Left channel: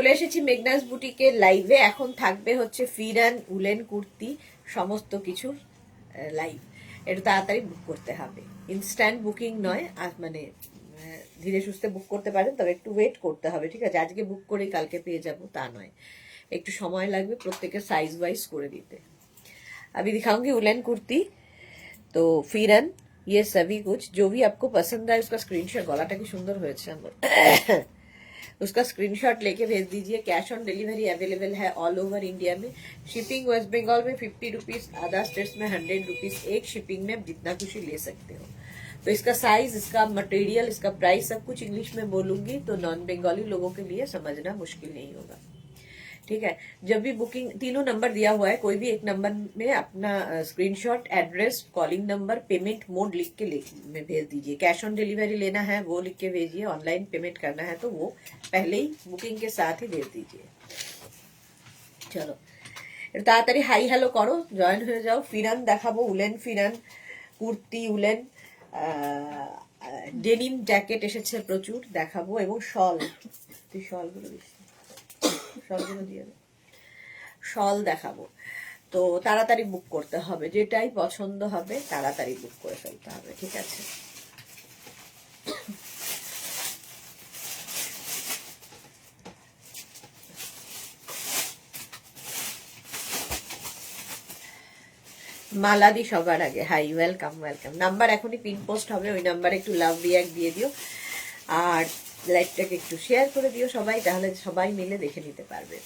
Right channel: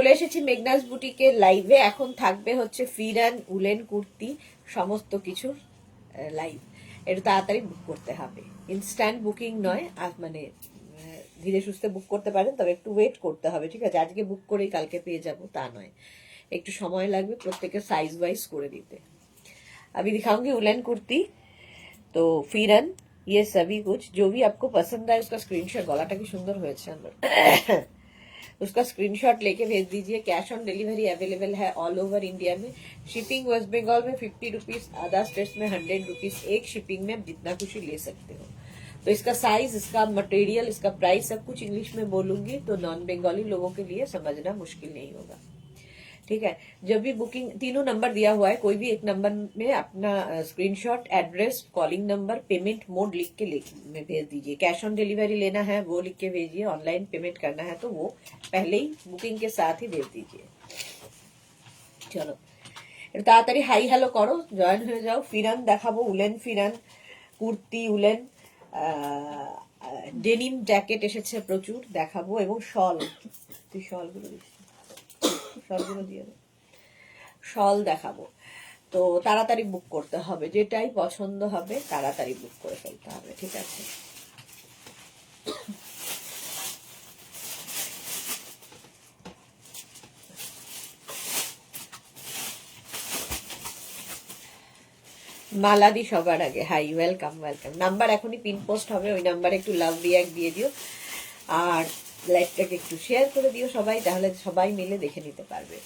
চলে এসেছি মেঘনাস বুটিকের লাইভে। এখন থাকবে হচ্ছে ফিরান উলেন কুর্তি সমস্ত কিছুর লাইভ। এটা তাড়াতাড়ি বুক করতে হবে, ইনস্ট্যান্ট বুকিং নয়। আর মানে ধীরে সুস্থে বুক করতে পারেন, তবে একটু ওয়েট করতে হবে, ঠিক আছে? আজকে বুক করেই কালকে পেয়ে যাব তা নয়, একটু সময় লাগবে প্রত্যেকের সাইজ ওয়াইজ করে দিতে। अभी दिखाऊंगी उलन कुर्ती। तो फिरन ये सभी कुछ जो भी आपको पसंद आए उसका स्क्रीनशॉट, गलाटा की सुंदर হয়েছে আমার उसका स्क्रीनशॉट लेके भेज दीजिए। कैश ऑन डिलीवरी अवेलेबल है ऑल ओवर इंडिया में। शिपिंग वेस्ट बंगाल में 50 रुपीज, अदर स्टेट्स में 100 रुपीज। एक शिपिंग में आप जितना खुशी ले सकते हो। तो इसका साइज, इसका मटेरियल, इसका प्राइस सब कुछ इंग्लिश में बोलूंगी, तो नॉन बंगाली लोगों के लिए समझना मुश्किल नहीं होगा, ठीक है? जब भी बुकिंग, तीनों नंबर दिया हुआ है, कोई भी एक नंबर में अपना screenshot, address, calling number, payment mode लिख के में भेज दीजिए। कैश ऑन डिलीवरी लेना है वो लिख के भेजिए, ऑनलाइन पेमेंट करना है तो वो पहले ही बुकिंग के साथ ही भेज दीजिए। चलो তাড়াতাড়ি হাই হ্যালো করো, জয়েন হয়ে যাও। ফিরান দেখাবো, woollen pheran kurti, woollen denim jacket এসেছে প্রচুর, দেখাবো। এবং শল, তুই শলগুলো দিস, শলগুলো দিয়ে দে, শল দেখাবো। তো তাড়াতাড়ি বুক করতে হবে, যেটাই পছন্দ হবে তাড়াতাড়ি বুক করে ফেলতে হবে, ঠিক আছে? মালাদি সবার আগে, হাই, ওয়েলকাম ওয়েলকাম। নাম্বার এখনই পিন পোস্ট হবে, ওই নাম্বারে একটু লাভ রিয়াক্ট দিয়ে দিও, আর লাইভটাকে একটু শেয়ার করে দিও সবাই, তাহলে সবাই মিলে দেখে নিতে পারবে।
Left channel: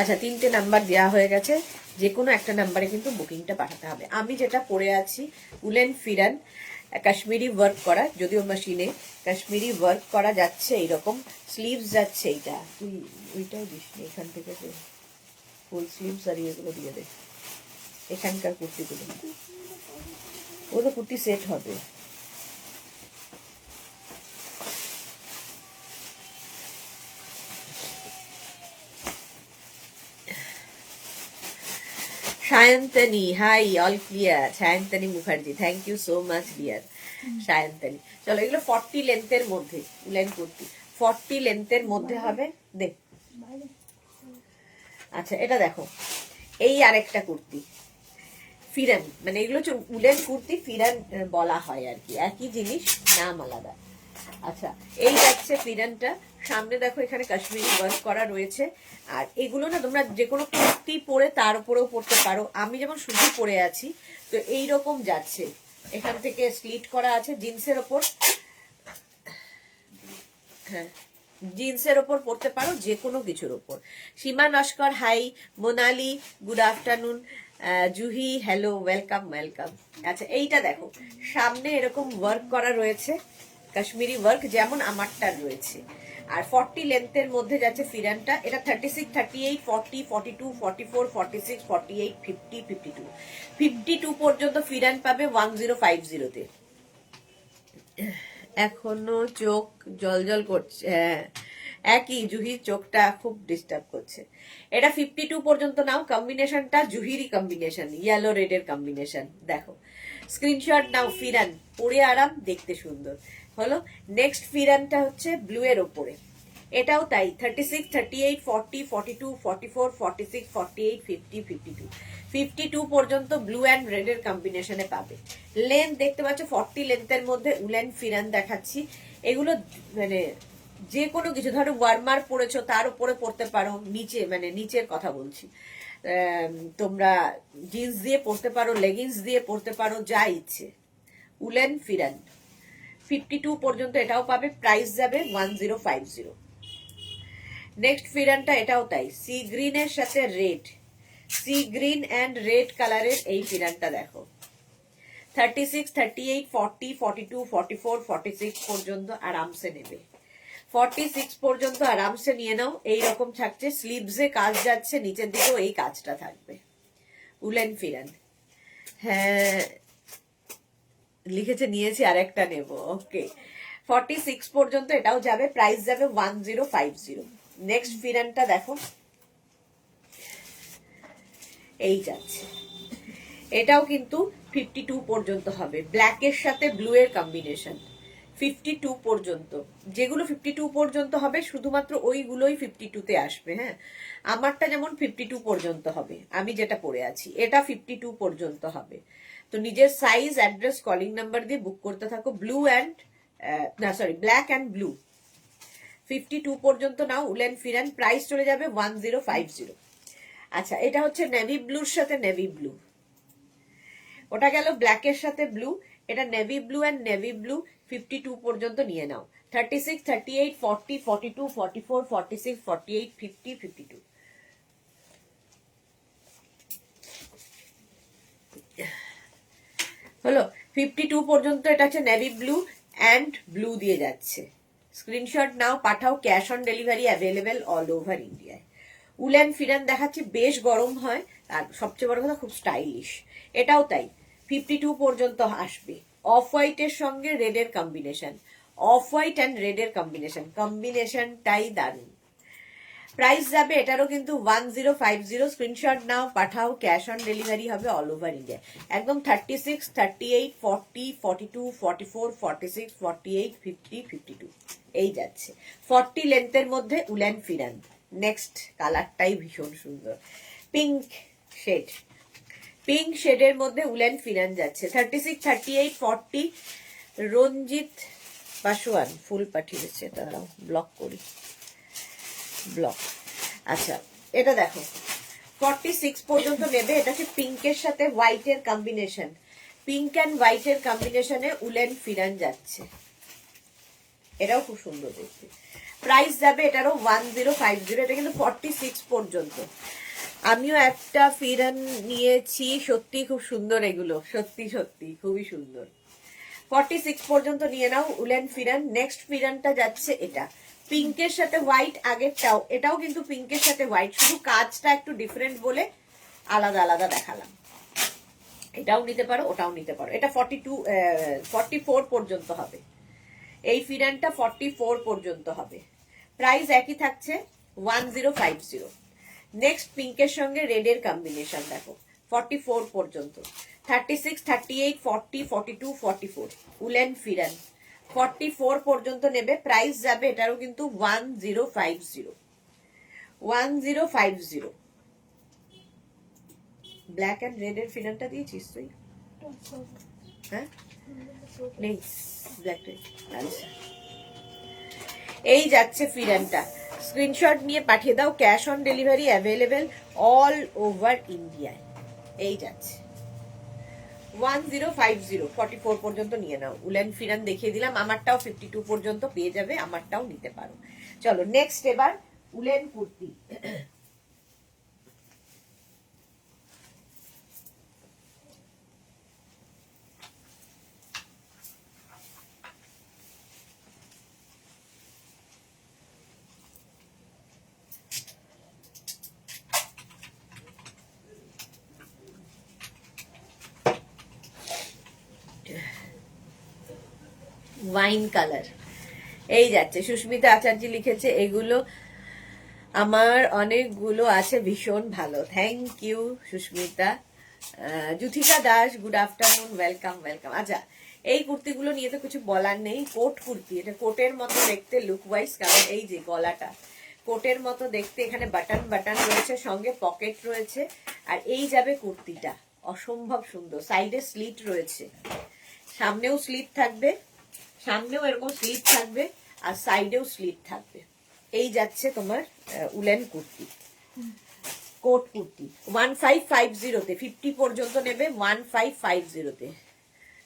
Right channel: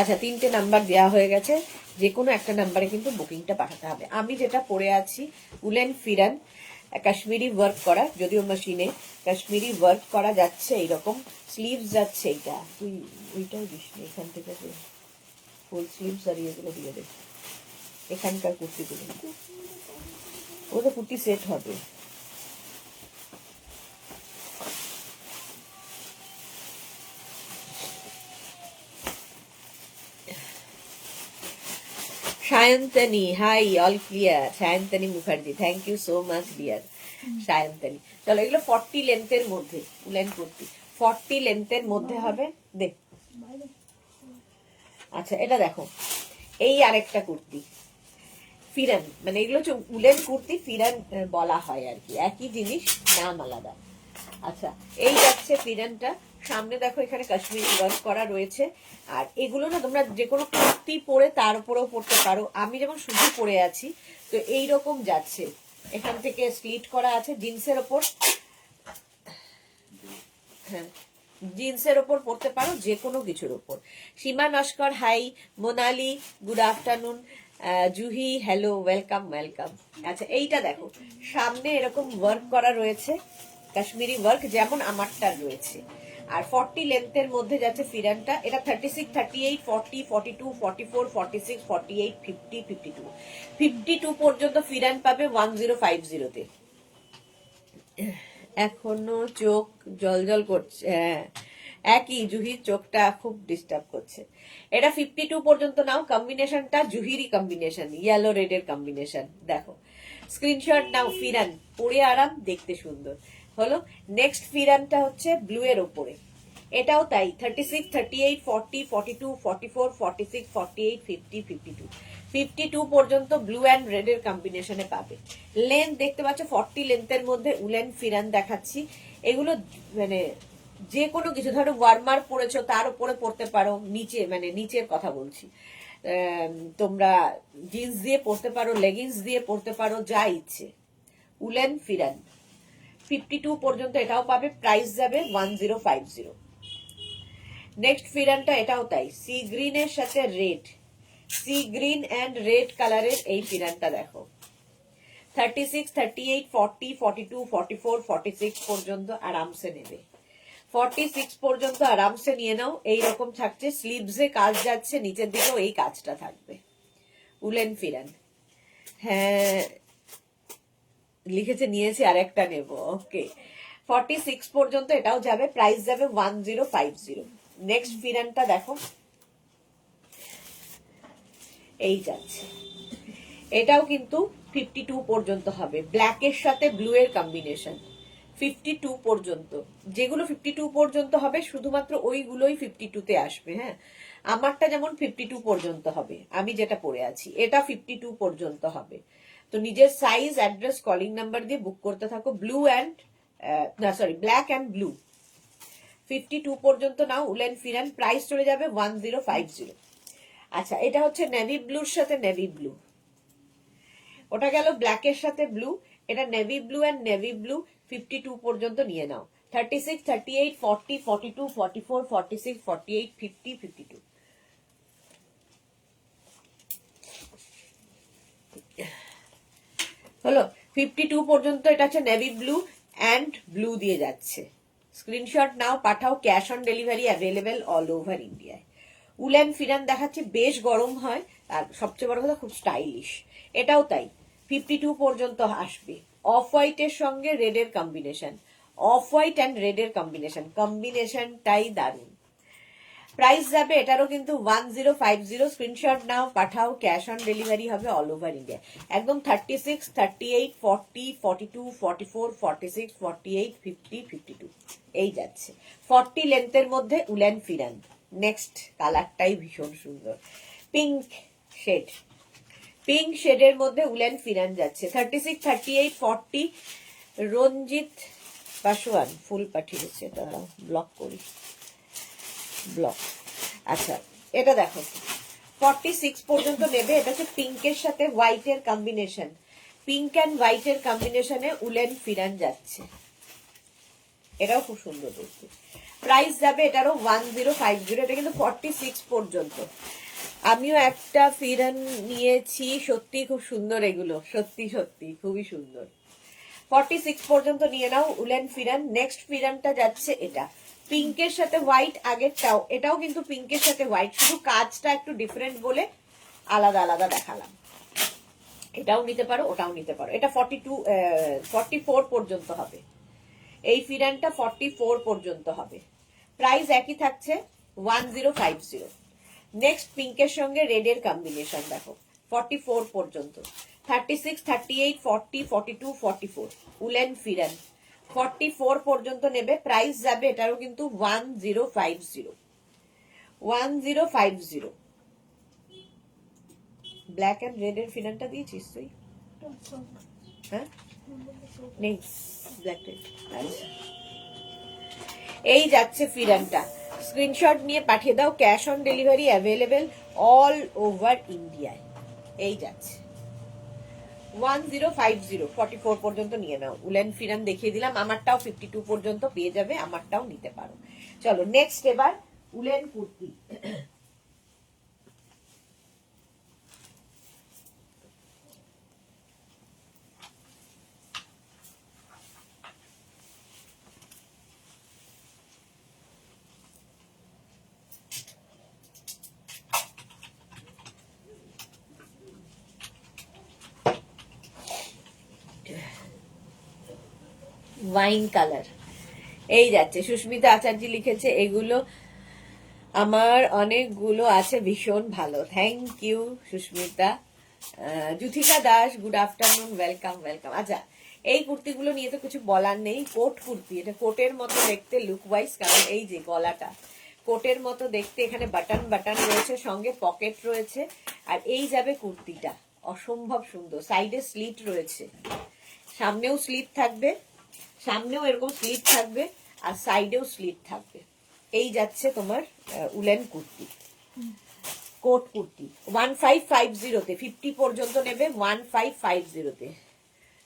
আচ্ছা, 3টে নাম্বার দেওয়া হয়ে গেছে, যে কোনো একটা নাম্বারে কিন্তু বুকিংটা পাঠাতে হবে। আমি যেটা পরে আছি উলেন ফিরান, কাশ্মীরি ওয়ার্ক করা, যদিও মেশিনে কাশ্মীরি ওয়ার্ক করা যাচ্ছে, এইরকম স্লিভস যাচ্ছে। এইটা তুই ওইটাও দিস, এখান থেকে ফুল স্লিভস আর এগুলো দিয়ে দে, এখানকার কুর্তিগুলো। ও তো কুর্তি সেট হবে। Sayantani, hi, all clear. Sayantani Mukherjee, thank you so much dear Sayantani. চলো, এগুলো 40 লেন্থের মধ্যে উলেন কুর্তি, 40 লেন্থের মধ্যে হবে। দেখ, আচ্ছা এটা দেখো, এই আরেকটা কুর্তি ফিরান, মানে এগুলো হচ্ছে উলেন কুর্তি, ফিরান বলা হয় আর কি, একই জিনিস, নাম আলাদা। আচ্ছা, এই যাচ্ছে ফিরানটা। সামনে দেখো এখানে কাশ্মীরি ওয়ার্ক করা রয়েছে। আর এগুলো না তোমরা যে কোনো কুর্তি পরে তার উপরেও পরতে পারো। আমি যেমন শুধু পরে আছি, তো এইরকম যাচ্ছে, এখান থেকে স্লিট করা আছে জিন্সের ওপর। হ্যাঁ, জিন্সের ওপর পরতে পারো, যে কোনো কিছুর ওপর। Seema Naskar, hi. Monali, good afternoon. Juhi, hello, welcome welcome. আচ্ছা, এইটা দেখো, সামনে এরকম ওয়ার্ক করা রয়েছে, কাশ্মীরি ওয়ার্ক যেমন আমারটার রয়েছে। আর 40 লেন্থের মধ্যে যাচ্ছে ফিরানটা। এটা 36, 38, 40, 42, 44, 46, 48, 50, 52, 52 পর্যন্ত ফিরান পাবে 1050-তে। এখনো চোখ জল জল করছে, হ্যাঁ একই, জুহির চোখটা খুব ডিস্টার্ব করছে। এটা 52 পর্যন্ত নাও। কম্বিনেশনটা জুহিরই কম্বিনেশন, ইয়েলো রেডের কম্বিনেশন, দেখো স্ক্রিনশট নাও। ফিরান পরে আরাম, দেখতে সুন্দর হলো। নেক্সট ফিরানটা হচ্ছে ব্লু এর ওপরে, এটাও তাই, 36, 38, 40, 42, 44, 46, 48, 50, 52, 52 পর্যন্ত ব্লু অ্যান্ড রেড এর কম্বিনেশনে পাবে। লেন্থ দেখতে পাচ্ছ 40 লেন্থের মধ্যে উলেন ফিরান দেখাচ্ছি। এগুলো মানে যে কোনো কিছু, ধরো ওয়ার্মার পরেছো তার উপরে পরতে পারো, নিচে মানে নিচের কথা বলছি, তোমরা জিন্স দিয়ে পরতে পারো, লেগিংস দিয়ে পরতে পারো, যা ইচ্ছে। উলেন ফিরান 52 পর্যন্ত এটাও পাবে, প্রাইস যাবে 1050। নেক্সট ফিরানটা এটাও তাই, সি গ্রিনের সাথে red, sea green and red কালারের এই ফিরানটা দেখো। 36, 38, 40, 42, 44, 46 পর্যন্ত আরামসে নেবে। 46 পর্যন্ত আরামসে নিয়ে নাও। এইরকম থাকছে, স্লিভসে কাজ যাচ্ছে, নিচের দিকেও এই কাজটা থাকবে। উলেন ফিরান, হ্যাঁ লিখেছে নিয়েছে, আর একটা নেব, ওকে। 46 পর্যন্ত এটাও যাবে, প্রাইস যাবে 1050। নেক্সট ফিরানটা দেখো, এই যাচ্ছে, এটাও কিন্তু 52 পর্যন্ত হবে, ব্ল্যাকের সাথে ব্লু এর কম্বিনেশন। 52 পর্যন্ত, যেগুলো 52 পর্যন্ত হবে শুধুমাত্র ওইগুলোই 52 তে আসবে। হ্যাঁ, আমারটা যেমন 52 পর্যন্ত হবে, আমি যেটা পরে আছি এটা 52 পর্যন্ত হবে। তো নিজের সাইজ, অ্যাড্রেস, কলিং নাম্বার দিয়ে বুক করতে থাকো। Blue and black and blue 52 পর্যন্ত নাও। উলেন ফিরান, প্রাইস চলে যাবে 1050। আচ্ছা, এটা হচ্ছে নেভি ব্লুর সাথে নেভি ব্লু, ওটা গেল ব্ল্যাকের সাথে ব্লু, এটা navy blue and navy blue 52 পর্যন্ত নিয়ে নাও। 36, 38, 40, 42, 44, 46, 48, 50, 52। হলো 52 পর্যন্ত। এটা হচ্ছে নেভি ব্লু অ্যান্ড ব্লু দিয়ে যাচ্ছে। স্ক্রিনশট নাও, পাঠাও, cash on delivery available all over ইন্ডিয়ায়। উলেন ফিরান দেখাচ্ছে, বেশ গরম হয়, আর সবচেয়ে বড় কথা খুব স্টাইলিশ। এটাও তাই, 52 পর্যন্ত আসবে। অফ হোয়াইটের সঙ্গে রেডের কম্বিনেশন, অফ হোয়াইট অ্যান্ড রেডের কম্বিনেশনটাই দারুণ। প্রাইস যাবে এটারও কিন্তু 1050। স্ক্রিনশট নাও, পাঠাও, ক্যাশ অন ডেলিভারি হবে অল ওভার ইন্ডিয়া। একদম 36, 38, 40, 42, 44, 46, 48, 50, 52 এই যাচ্ছে। 40 লেন্থের মধ্যে উলেন ফিরান। নেক্সট কালারটাই ভীষণ সুন্দর, পিঙ্ক শেড। পিঙ্ক শেডের মধ্যে উলেন ফিরান যাচ্ছে। 36, 38, 40। রঞ্জিত পাশওয়ান ফুল পাঠিয়েছে, দাঁড়াও ব্লক করি, ব্লক। আচ্ছা, এটা দেখো 46 পর্যন্ত নেবে। এটা হচ্ছে পিঙ্কের সাথে হোয়াইটের কম্বিনেশন, পিঙ্ক অ্যান্ড হোয়াইটের কম্বিনেশনে উলেন ফিরান যাচ্ছে। এটাও খুব সুন্দর দেখতে। প্রাইস যাবে এটারও 1050। এটা কিন্তু 46 পর্যন্ত। আমিও একটা ফিরান নিয়েছি, সত্যি খুব সুন্দর এগুলো, সত্যি সত্যি খুবই সুন্দর। 46 পর্যন্ত নিয়ে নাও উলেন ফিরান। নেক্সট ফিরানটা যাচ্ছে এটা পিঙ্কের সাথে হোয়াইট, আগেরটাও এটাও কিন্তু পিঙ্কের সাথে হোয়াইট, শুধু কাজটা একটু ডিফারেন্ট বলে আলাদা আলাদা দেখালাম। এটাও নিতে পারো, ওটাও নিতে পারো। এটা 44 পর্যন্ত হবে, এই ফিরানটা 44 পর্যন্ত হবে। প্রাইস একই থাকছে 1050। নেক্সট পিঙ্কের সঙ্গে রেডের কম্বিনেশন দেখো, 44 পর্যন্ত। 36, 38, 40, 42, 44 উলেন ফিরান 44 পর্যন্ত নেবে। প্রাইস যাবে এটারও কিন্তু 1050। 1050। ব্ল্যাক অ্যান্ড রেড এর ফিরানটা দিয়েছিস তুই? হ্যাঁ, নেই ব্ল্যাক রেড। আচ্ছা, এই যাচ্ছে ফিরানটা। স্ক্রিনশট নিয়ে পাঠিয়ে দাও, cash on delivery available all over ইন্ডিয়ায়। এই যাচ্ছে 1050। 44 পর্যন্ত নিয়ে নাও। উলেন ফিরান দেখিয়ে দিলাম, আমারটাও 52 পর্যন্ত পেয়ে যাবে, আমারটাও নিতে পারো। চলো নেক্সট, এবার উলেন কুর্তি। ওয়াইন কালার এই যাচ্ছে। সুস্মিতা আচার্য লিখেছে, এগুলো আমার অনেকগুলো আছে, ভীষণ ভালো। Thank you Susmita. Juthika Das, good afternoon, welcome welcome. আচ্ছা, এই কুর্তিগুলো নিয়ে তো কিছু বলার নেই। কোট কুর্তি, এটা কোটের মতো দেখতে লুক ওয়াইজ, কারণ এই যে গলাটা কোটের মতো দেখতে, এখানে বাটন বাটন রয়েছে, সঙ্গে পকেট রয়েছে, আর এই যাবে কুর্তিটা, অসম্ভব সুন্দর। সাইডে স্লিট রয়েছে, সামনেও স্লিট থাকবে, সামনেও এরকম স্লিট থাকবে, আর সাইডেও স্লিট থাকবে। এই যাচ্ছে তোমার উলেন কুর্তি, কোট কুর্তি 1550-তে। 50 পর্যন্ত নেবে 1550-তে।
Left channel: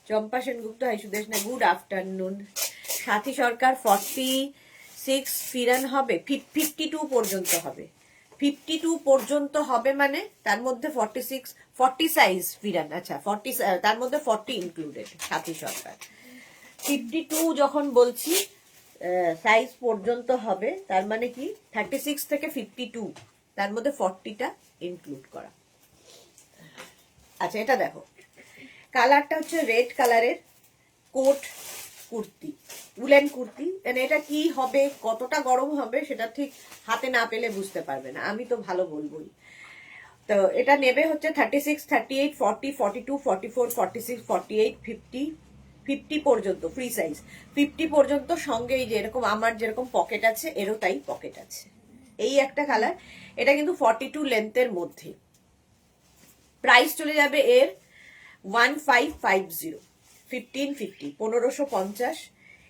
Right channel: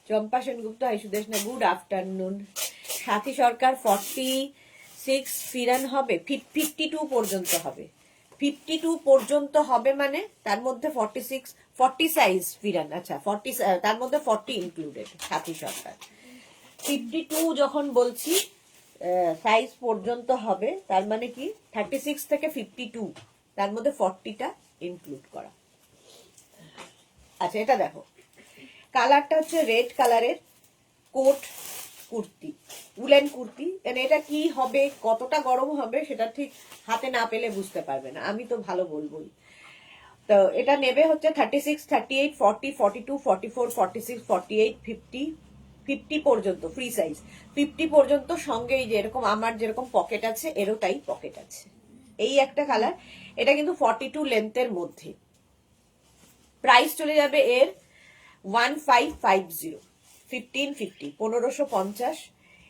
চম্পা সেনগুপ্ত, হাই সুদেশ না, গুড আফটারনুন। সাথী সরকার 46 ফিরান হবে, 52 পর্যন্ত হবে। 52 পর্যন্ত হবে মানে তার মধ্যে 40 সাইজ ফিরান। আচ্ছা, 40 তার মধ্যে 40 ইনক্লুডেড। সাথী সরকার 52 যখন বলছি সাইজ পর্যন্ত হবে, তার মানে কি 36 থেকে 52, তার মধ্যে 40টা ইনক্লুড করা। আচ্ছা, এটা দেখো, কালারটা হচ্ছে রেড কালারের কোট কুর্তি, উলেন কুর্তি, এটা কি হবে, কতটা গরম হবে সেটা ঠিক হাতে না পেলে বুঝতে পারবে না, আমি তো ভালো বলবোই। তো এটা নেবে হচ্ছে 36, 38, 40, 42, 44, 46, 48, 50, 50 পর্যন্ত ফ্রি সাইজ, 50 পর্যন্ত। সঙ্গে এই যে এরকম আমার যেরকম পকেট আছে এরও তাই পকেট আছে। এই একটা কালার, এটা কিন্তু 42 লেন্থের মধ্যে। প্রাইস চলে যাবে এর 1550, 1550, 1550।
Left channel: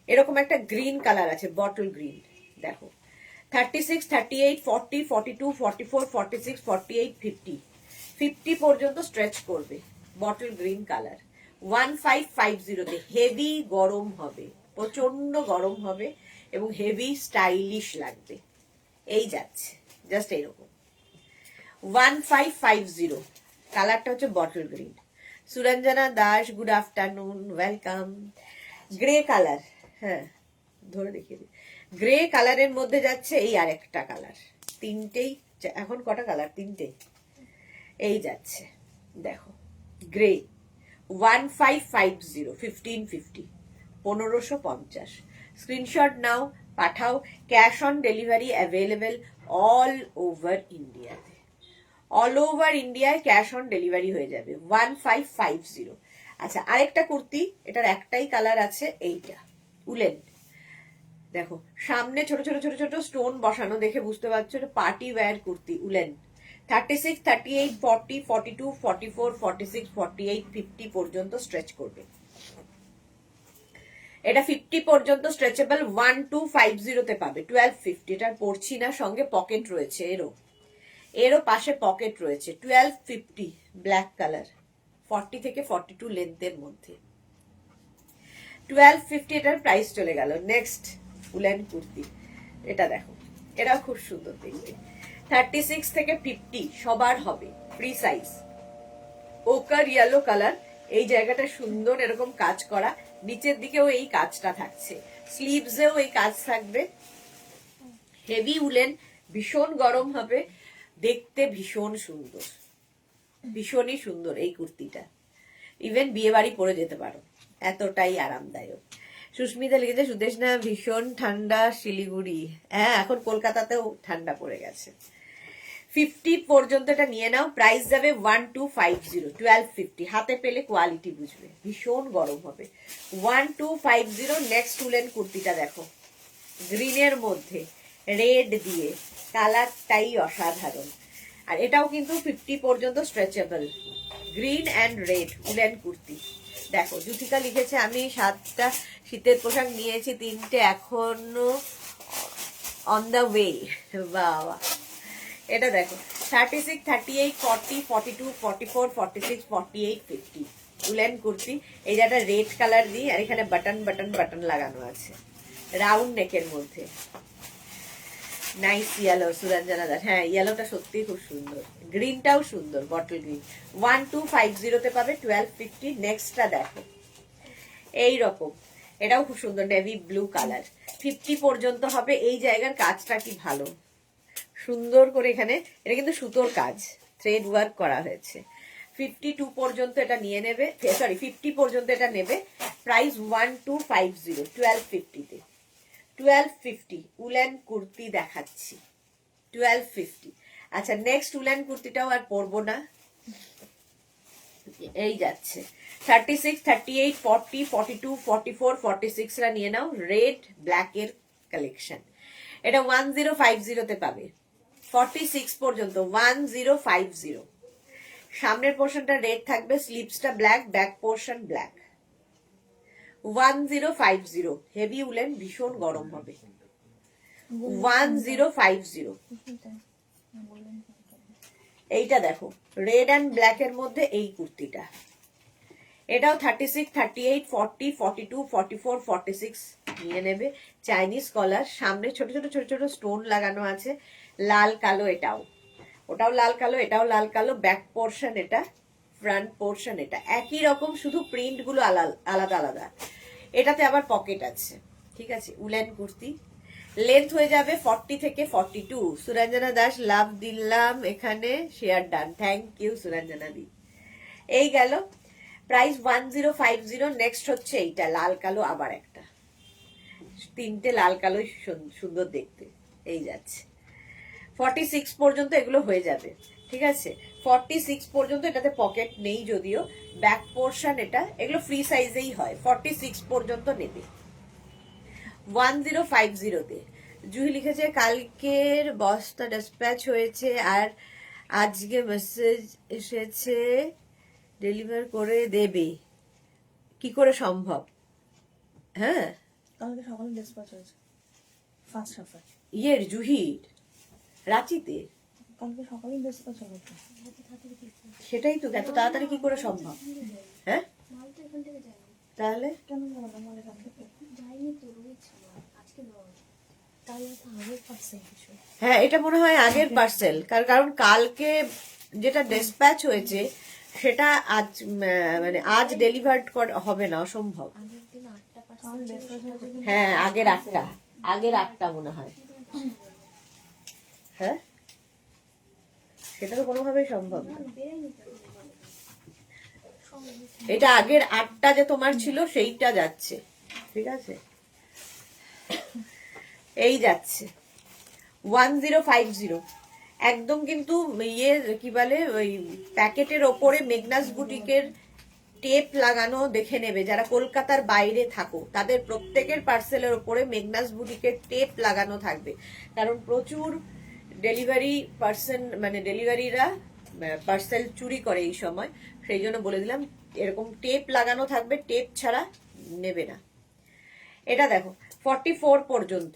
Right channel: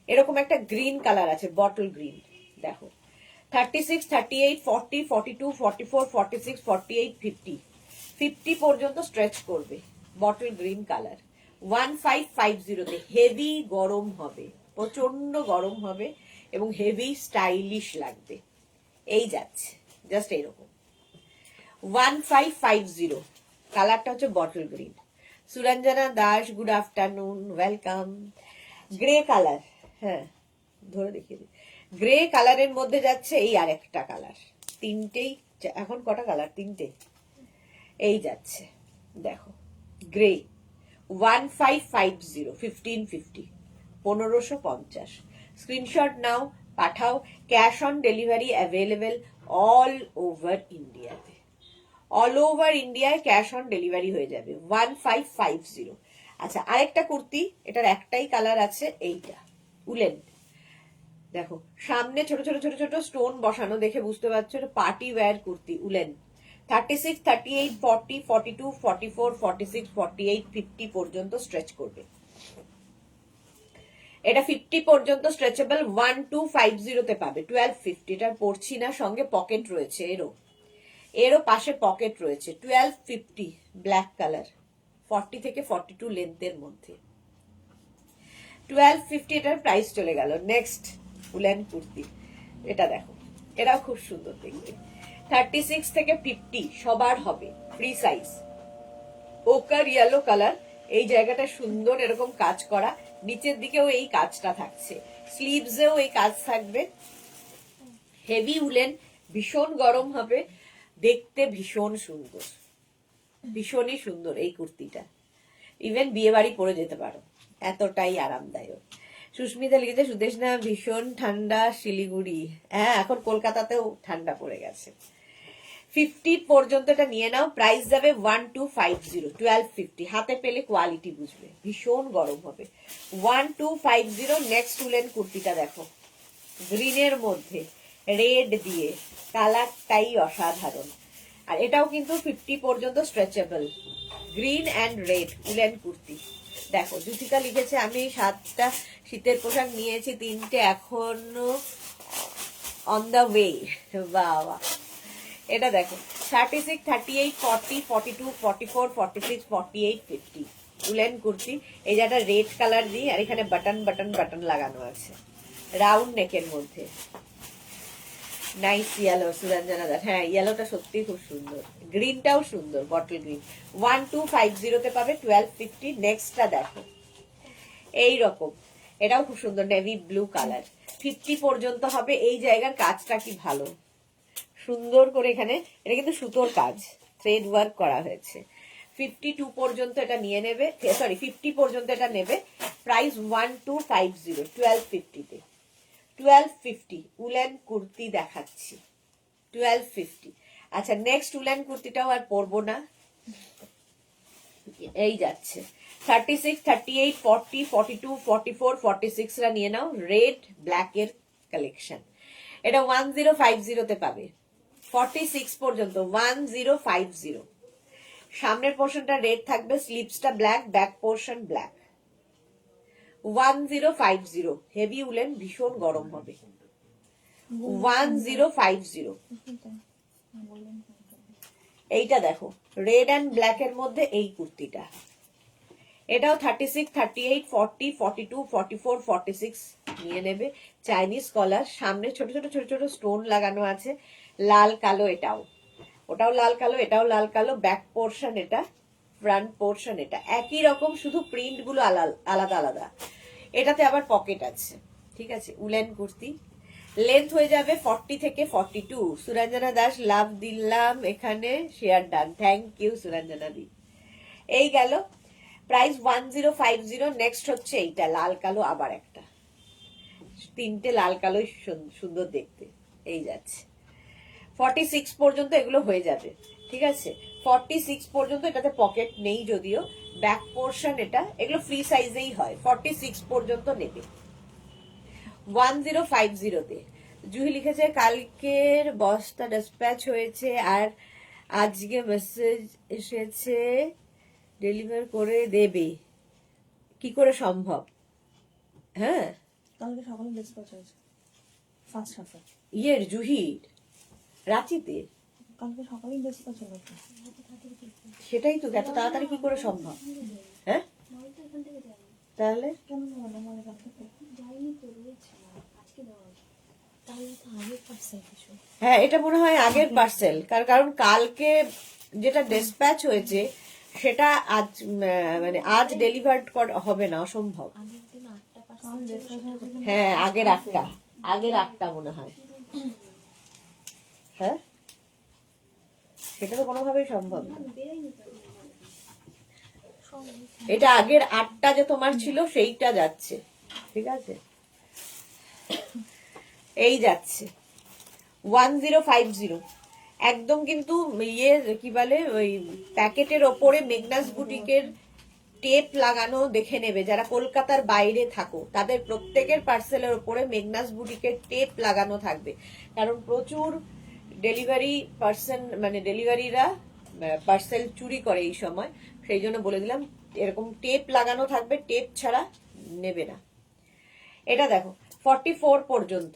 এরকম একটা গ্রিন কালার আছে, বটল গ্রিন, দেখো 36, 38, 40, 42, 44, 46, 48, 50, 50 পর্যন্ত স্ট্রেচ করবে, বটল গ্রিন কালার। 1550 তে হেভি গরম হবে, প্রচন্ড গরম হবে এবং হেভি স্টাইলিশ লাগবে। এই যাচ্ছে জাস্ট এইরকম 1550। কালারটা হচ্ছে bottle green. Suranjana Das, good afternoon, welcome. Grey colour, হ্যাঁ ধরে দেখিয়ে দিই। গ্রে কালারের মধ্যে যাচ্ছে এই আরেকটা কালার, তিনটেই। এখন কটা কালার? তিনটে। এই যাচ্ছে দেখো গ্রে, 1550, 1550, 1550। স্ক্রিনশট নাও, পাঠাও। Cash on delivery available all over ইন্ডিয়াতে, অল ওভার ইন্ডিয়ায় ক্যাশ অন ডেলিভারি হয়ে যাবে 1550। আচ্ছা আরেকটা কুর্তি, এটার একটাই কালার আছে, এইটা উলেন। দেখো সামনে ছোট ছোট ছোট ছোট স্টোন বসানো, দেখে বুঝতে পারছো পার্টি ওয়্যার কুর্তি, উলেন। 36, 38, 40, 42, 44, 46, 48, 50 পর্যন্ত স্ট্রেচ করবে। এটা 50 পর্যন্ত স্ট্রেচেবল, 1250 তে পাবে, 1250। এটা পড়ছি না, সঙ্গে পকেট রয়েছে, এরও পাশে পকেট রয়েছে। 1250 ব্ল্যাক কালার, 40 থেকে 42 লেন্থের মধ্যে, 1250 এটার প্রাইস চলে গেল। নেক্সট উলেন কুর্তি, এটা দেখো, এটাও খুব সুন্দর দেখতে। 36 থেকে 50 সবার হবে, ফ্রি সাইজ, ওকার ইয়েলো কালার। এই জায়গাটা সুন্দর এরকম কাজ করা, নিচের দিকেও এই কাজটা থাকছে, স্লিভসেও এই কাজ থাকবে। হেভি উলেন, ভীষণ গরম হবে, দেখতে ভীষণ সুন্দর, ভীষণই সুন্দর এই কুর্তিটা। ইভেন বিয়ে বাড়ি পরে যেতে পারো, এতটাই আরামদায়ক। সুস্মিতা লিখেছে সুদেশনা ভীষণ ঠান্ডা শিলিগুড়ি, হ্যাঁ এখন কলকাতাতেও ঠান্ডা পড়ে গেছে। 50 পর্যন্ত এটা নিয়ে নাও, প্রাইস যাবে 1250, 1250। হাতে পেলে কোয়ালিটি বুঝবে, ভীষণ গরম হবে। 1250। নেক্সট উলেন কুর্তিটা দেখো, গ্রিনের মধ্যে রেড দিয়ে, কালারটাই অসাধারণ। আর এটাও কিন্তু 50 পর্যন্ত stretchable, green and red woollen kurti. দেখো জুথিকা লিখেছে আমি 7টা শীতের পোশাক নিয়েছি, 3টে এখনো অন দ্য ওয়ে। বাবা, এটা দেখো 36, 38, 40, 42, 44, 46, 48, 50 উলেন কুর্তি। এই যে একটা রেড কালার দিয়ে, আর এখানে বাটন বাটন বাটন লাগানো আছে, রাউন্ড নেকের মধ্যে। নাইস ইয়েলো, সুরঞ্জনা দাস, হ্যাঁ ইয়েলোটা সত্যি খুব সুন্দর, গ্রিনটাও সুন্দর, বটল গ্রিন। 1250 তে পাবে, 1250। নেক্সটটা দেখো এইরকম, এটাও খুব সুন্দর, নেভি ব্লু কালার, 50 পর্যন্ত হবে। এই জায়গার কাজটা কি ভালো, সুন্দর করে এখানে, এটা কিন্তু সুতোর কাজ, থ্রেড ওয়ার্ক করা হয়েছে। 52 পর্যন্ত এটা নিয়ে নেবে, সরি 50 পর্যন্ত এটা নেবে। প্রাইস 1250, 1250 তে, 1250 উলেন কুর্তি দেখাচ্ছি, 1250। আচ্ছা নেক্সট উলেন কুর্তিটাও আর পরবো না, এই যাচ্ছে 36, 38, 40, 42, 44, 46 রা নিয়ে নাও, রেড ব্ল্যাক এর কালেকশন। এটা 1050 তে পাবে, 46 পর্যন্ত 1050। সামনের পোর্শনটা রেড থাকবে, স্লিভসটা black, back portion black. 1050, heavy woollen, ভীষণ গরম হবে। 1050। এইটা দেখো রেড অ্যান্ড ব্ল্যাক এর মধ্যে এই কুর্তিটা, এটাও 36, 38, 40, 42, 44, 46 নিয়ে নেবে। চাইনিজ কলার, সামনে ছোট ছোট ছোট ছোট স্টোন লাগানো আছে, লাল কালো, এটাও, ওটাও লাল কালো, এটাও লাল কালো। ব্যাক পোর্শন এটা, ফ্রন্ট পোর্শন এটা, একই রকম, শুধু প্রিন্ট গুলো আলাদা আলাদা। এটাতে আবার পকেট আছে, ঠিক আছে। উলেন কুর্তি, লেন্থ হয়ে যাবে 40 থেকে 42। সুরঞ্জনা দাস লাভ দিলাম এখানে, share done, thank you Suranjana di. এই গেল প্রাইস 1050। নেক্সট হচ্ছে এইটা লাল কালো, আবার একটা তিনটে লাল কালোই সুন্দর দেখতে। এই যাচ্ছে 46 পর্যন্ত এগুলো হয়ে যাবে, ঠিক আছে। 46 পর্যন্ত, এটাতে পকেট নেই যদিও, ব্যাক পোর্শন এটা, এগুলো ফ্রি সাইজেই হয়। 46 পর্যন্ত নেবে। 1050-তে জুহি লিখেছে কালকের বস্তা ডিসপ্যাচ হয়েছে আর আজকে মেসেজ এসেছে ডেলিভার করে দেবে, কি করে সম্ভব? হ্যাঁ, কালকে সকালে ডিসপ্যাচ হয়েছে ফার্স্ট হাফে। ইয়ের জুহির রাঁচিতে কালকে সকালেই ডিসপ্যাচ হয়েছে। সেটাই তো, এত তাড়াতাড়ি কি করে সম্ভব? হ্যাঁ, তাহলে কেন যাবে না মালের কাছ থেকে? হ্যাঁ, এটা মনে হয় আগের পার্সেল, কারণ কালকে যেটা ডিসপ্যাচ হয়েছে সেটা আজ মানে আজ ডেলিভার্ড হবে না, অসম্ভব। হ্যাঁ, আগের আটটা মনে হয়। হ্যাঁ, সেটা তো কোনোভাবেই সম্ভব না। এটা আগের আটটা যে তোমার ছিল সেইটা যাচ্ছে, ঠিক আছে। এই যাচ্ছে 1050, একদম কিন্তু ইয়ে কি বলে ওই প্যাকেটের ওপরে মেগনাস বুটিকের টেপ লাগানো দেখে নেবে। যারা কলকাতার বাইরে থাকো তাদের প্রত্যেকের পার্সেলের ওপরে মেগনাস বুটিকের টেপ লাগানো থাকবে, কারণ প্রচুর ডেলিভারি পার্সন মানে ডেলিভারিরা পার্সেল চুরি করে এই সময়, সেই জন্য বলে দিলাম এরকম টেপ লাগানো থাকবে, টেপ ছাড়া নেবে না। এটা দেখো 44 পর্যন্ত,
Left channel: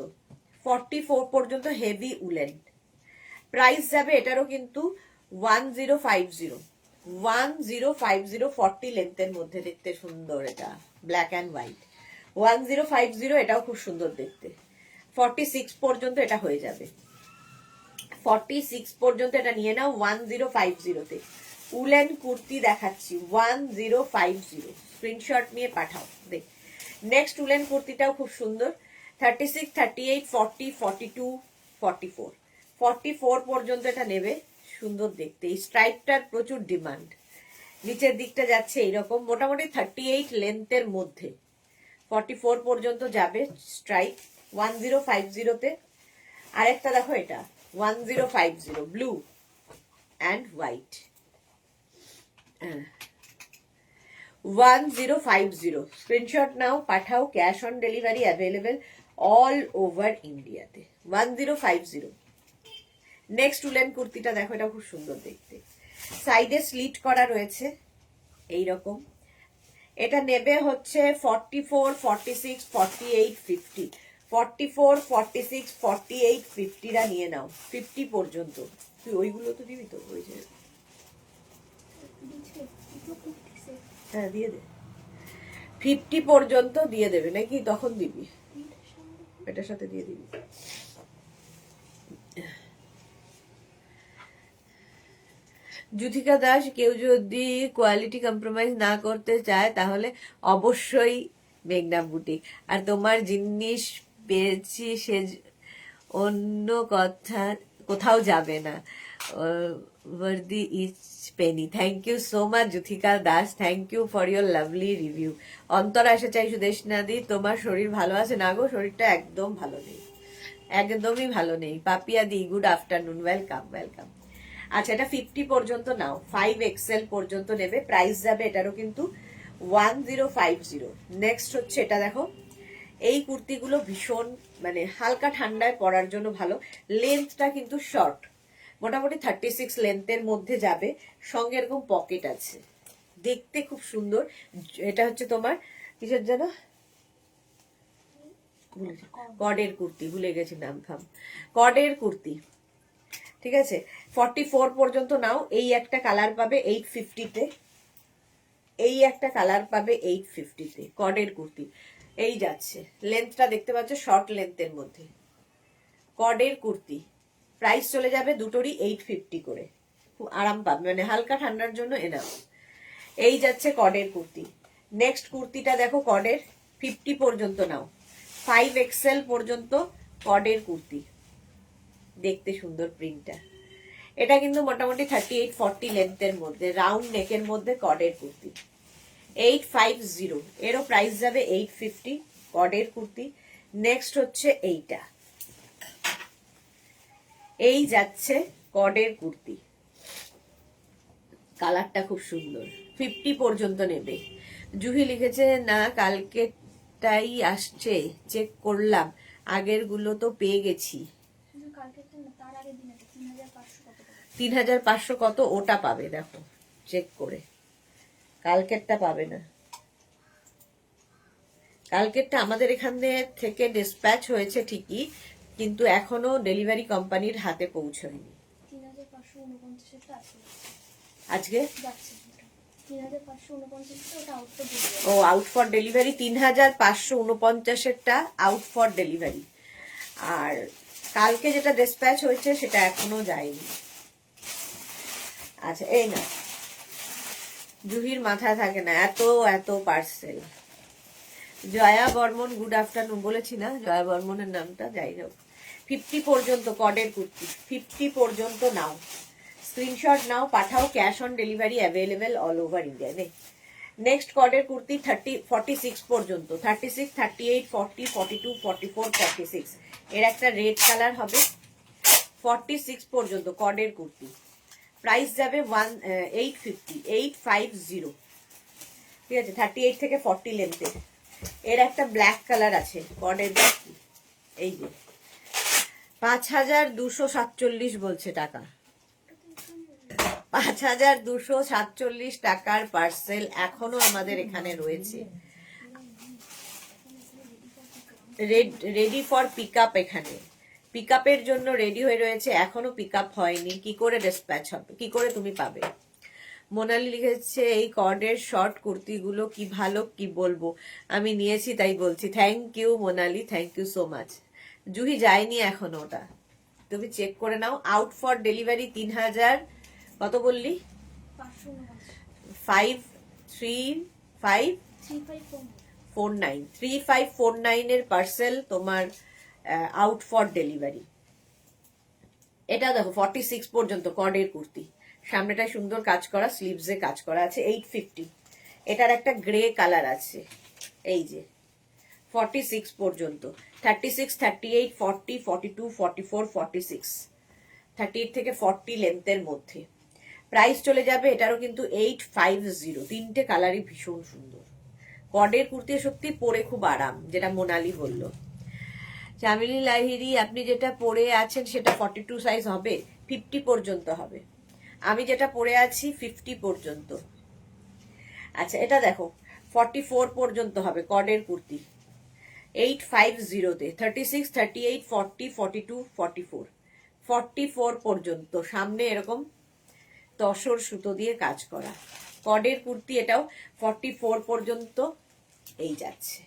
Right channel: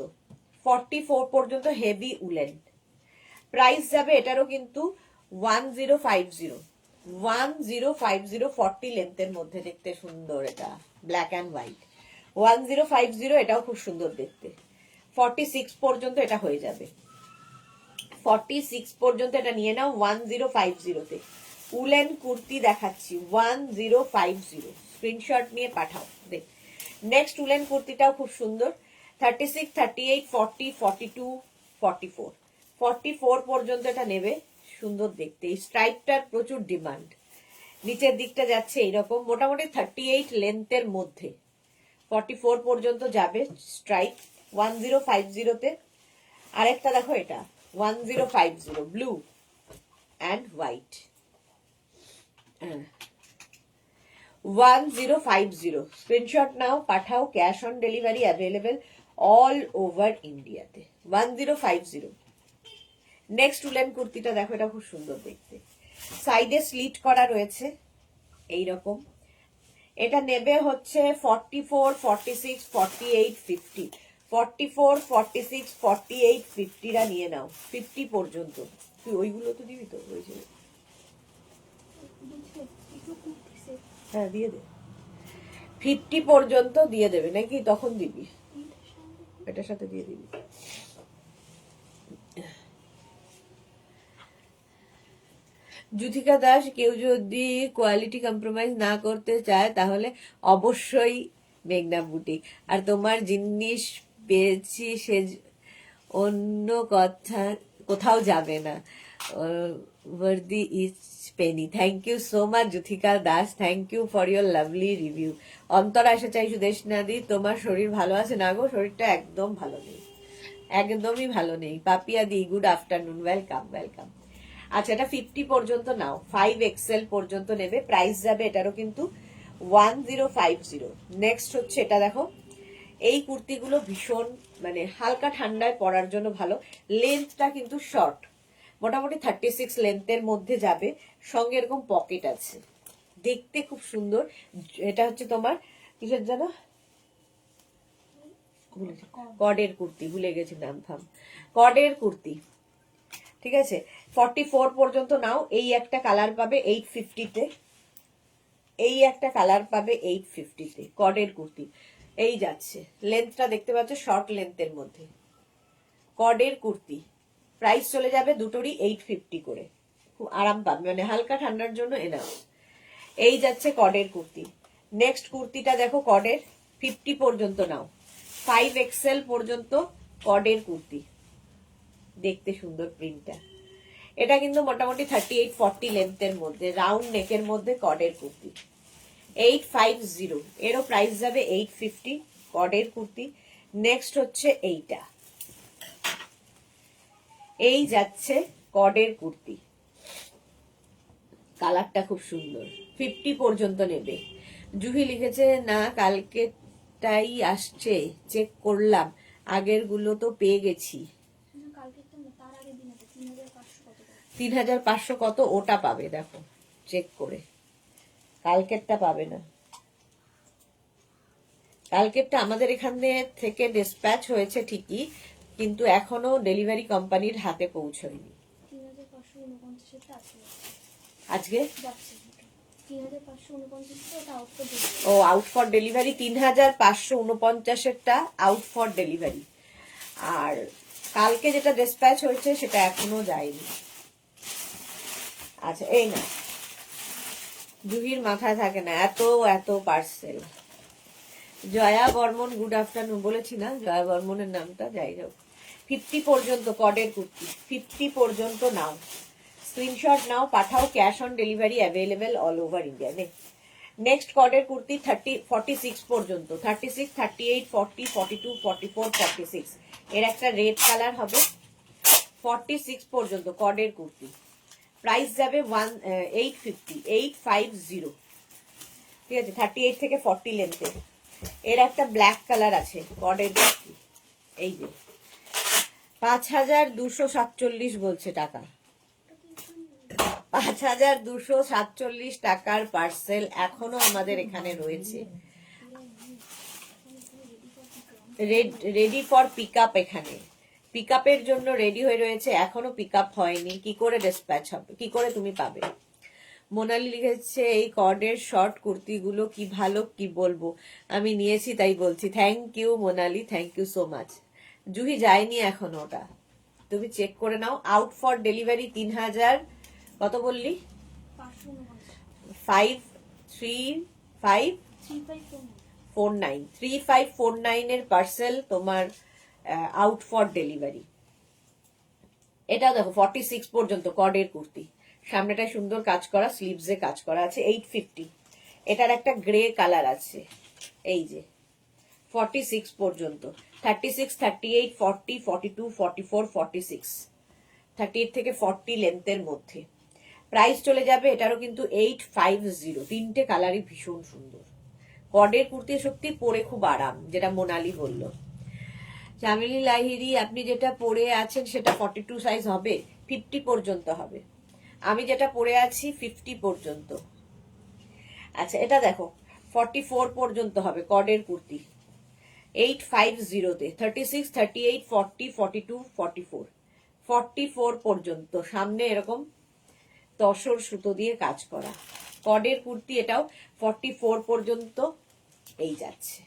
44 পর্যন্ত হেভি উলেন, প্রাইস যাবে এটারও কিন্তু 1050, 40 লেন্থের মধ্যে, দেখতে সুন্দর, এটা ব্ল্যাক অ্যান্ড হোয়াইট। 1050, এটাও খুব সুন্দর দেখতে। 46 পর্যন্ত এটা হয়ে যাবে, 46 পর্যন্ত এটা নিয়ে নাও। 1050-তে উলেন কুর্তি দেখাচ্ছি, 1050, স্ক্রিনশট নিয়ে পাঠাও। দেখ, নেক্সট উলেন কুর্তিটাও খুব সুন্দর। 36, 38, 40, 42, 44, 44 পর্যন্ত এটা নেবে, সুন্দর দেখতে। এই স্ট্রাইপটার প্রচুর ডিমান্ড। নিচের দিকটা যাচ্ছে এইরকম, মোটামুটি 38 লেন্থের মধ্যে 44 পর্যন্ত যাবে স্ট্রাইপ 1050-তে। আরেকটা দেখো, এটা 1050, ব্লু অ্যান্ড হোয়াইট। 1050, স্ক্রিনশট নাও, পাঠাও। Cash on delivery available all over ইন্ডিয়াতে। 1050। নেক্সট উলেন কুর্তিটা দেখো, এটা খুব সুন্দর দেখতে, সাইডে স্লিট করা রয়েছে এইরকম। এটা নেবে হচ্ছে 44, 46, 48, 50, 44, 46, 48, 50রা নিয়ে নাও। 50 পর্যন্ত, তুই ওইগুলো তো দিবি তো, ওই যে হ্যাঁ দিয়ে দে, 50 পর্যন্ত দিয়ে দেবে নাকি, তখন দিবি, এটার সাথে দিয়ে দিবি। যুথিকা দাস, কেউ যদি কোয়ালিটি কম্প্রোমাইজ না করতে চায় তাহলে অবশ্যই মেঘনা বুটিক। আর তোমার জিনিস পেয়েছি সে অন্য কথা কোথাও যাবে না, worthy is penny. Thank you so much Juthika Das, thank you for your lovely review. Antara এসে চাই সুদেশনা দি, তোমার শরীর ভালো আছে? না গো, শরীরটা একদম ভালো নেই, একদমই ভালো নেই। পাপিয়া দি, গুড আফটারনুন, ওয়েলকাম ওয়েলকাম। আচ্ছা, এটা 50 পর্যন্ত নাও, 5XL পর্যন্ত নেবে, প্রাইস যাবে এটারও কিন্তু 1050। নেক্সট হচ্ছে এটা দেখো, এই কুর্তিগুলো ভীষণ মানে হালকা ঠান্ডায় পরার জন্য ভালো। লেন্থটা কিন্তু শর্ট, মোটামুটি 36 লেন্থের মধ্যে যাবে, সঙ্গে এরকম পকেট আছে, দেখতে খুব সুন্দর। এটা হচ্ছে তোমার কিসের যেন কডের কুর্তি, ভুলে গেছি নাম, থাম, কডের কুর্তি, ঠিক আছে। 44 পর্যন্ত নাও। এই একটা কালার পাবে 850-তে, এই একটা কালার পাবে 850-তে, কডের কুর্তি। এই যাচ্ছে, লেন্থটা দেখতে পাচ্ছ শর্ট লেন্থের মধ্যে, কডের কুর্তি, প্রাইস চলে যাবে দুটোরই 850 করে, খুব আরাম পাবে, মানে হালকা ঠান্ডার জন্য এনাফ। এই যাচ্ছে কডের কুর্তি। নেক্সট কুর্তিটা দেখো, কডের 50 পর্যন্ত নাও, 5XL পর্যন্ত কডের কুর্তি, দেখতে সুন্দর প্রিন্টটা। এটা কিন্তু মোটামুটি 38-40 লেন্থের মধ্যে, রাউন্ড নেকের মধ্যে কডের কুর্তি, 850। এরও প্রাইস যাবে 850, কডের কুর্তি। নেক্সট হচ্ছে এইটা, এই যাচ্ছে কডের কুর্তি, কালারটা খুব সুন্দর, 50 পর্যন্ত নেবে। জুহি লিখেছে না কালকেটাই আসছে, চেক করলাম, আগের গুলো তো পেয়ে গেছি। 3500 কত ওটা পাবে, দেখো চেক করে, কালকেরটা পাবে না। কালকেরটা আমাদের এখান থেকে ডিসপ্যাচ হয়েছে ঠিকই, কিন্তু এখনো ডেলিভারি কোম্পানির হাতে পৌঁছয়নি। আজকে ও আউট ফর ডেলিভারি, 3549-এরটা আউট ফর ডেলিভারি, আর কালকে যেটা ডিসপ্যাচ হয়েছে সেটা এখনো যায়নি। আচ্ছা এই না, জুহির মাথা থাকে না, এত এত parcel. Jaya Barman good afternoon, বলেছি না জয়া বর্মনের নামটা, যাই হোক। 50 পর্যন্ত কডের কুর্তি, 50 পর্যন্ত নাও, স্ক্রিনশট নাও, পাঠাও, cash on delivery available all over India. Next কডের কুর্তি 46 পর্যন্ত, 36, 38, 40, 42, 44, 46, এর একটা রেড কালার হবে। 46 পর্যন্ত কডের কুর্তি, প্রাইস যাবে 850, ঠিক আছে, 38 থেকে 40 লেন্থের। এর একটা ব্ল্যাক কালার আছে কডের কুর্তি, এই যে 5247 বলছে টাকা, 5247 টাকার পার্সেল এখনো আমাদের এখানে রয়েছে, রেডি ফর পিক আপ। এখানে পিক আপের জন্য রেডি হয়ে রয়েছে, এখনো পিক আপ হয়নি, কি করে ডিসপ্যাচ হবে, কি করে তুমি পাবে। মোনালি লিখেছে এই কর্ডের শর্ট কুর্তিগুলো কি ভালো, কি বলবো, আমি নিয়েছি তাই বলছি। Thank you Monali, thank you so much. Juhi যায়নি এখনো, ওটা তুমি চেক করে নাও। আউট ফর ডেলিভারি 3000 কত বললি, 3549 এর পার্সেল তোমার আউট ফর ডেলিভারি। এটা দেখো 46 পর্যন্ত কডের কুর্তি, সামনেটা সুন্দর কাজ করা, স্লিভসে কাজ করা আছে, 850। এটার একটা গ্রে কালার আছে, এই যে 46 পর্যন্ত, 36, 38, 40, 42, 44, 46, 38 থেকে 40 লেন্থের মধ্যে। প্রাইস চলে যাবে এটারও কিন্তু 850। তিনটে কালারই ভীষণ সুন্দর, কডের কুর্তি সত্যি পরে খুব আরাম, যেটা মোনালি বললো। চামেলি লাহিরি, আপনি যেটা পরে আছেন সেটা 42 সাইজ হবে, 50 পর্যন্ত হবে। আমি যেটা পরে আছি 50 পর্যন্ত। আচ্ছা এটা দেখো 44 পর্যন্ত হবে কডের কুর্তি, 850-তে, 36, 38, 40, 42, 44, 44 পর্যন্ত। সামনে এরকম তসর সুতো দিয়ে কাজ করা কডের কুর্তি, এটাও 44 পর্যন্ত এই যাচ্ছে।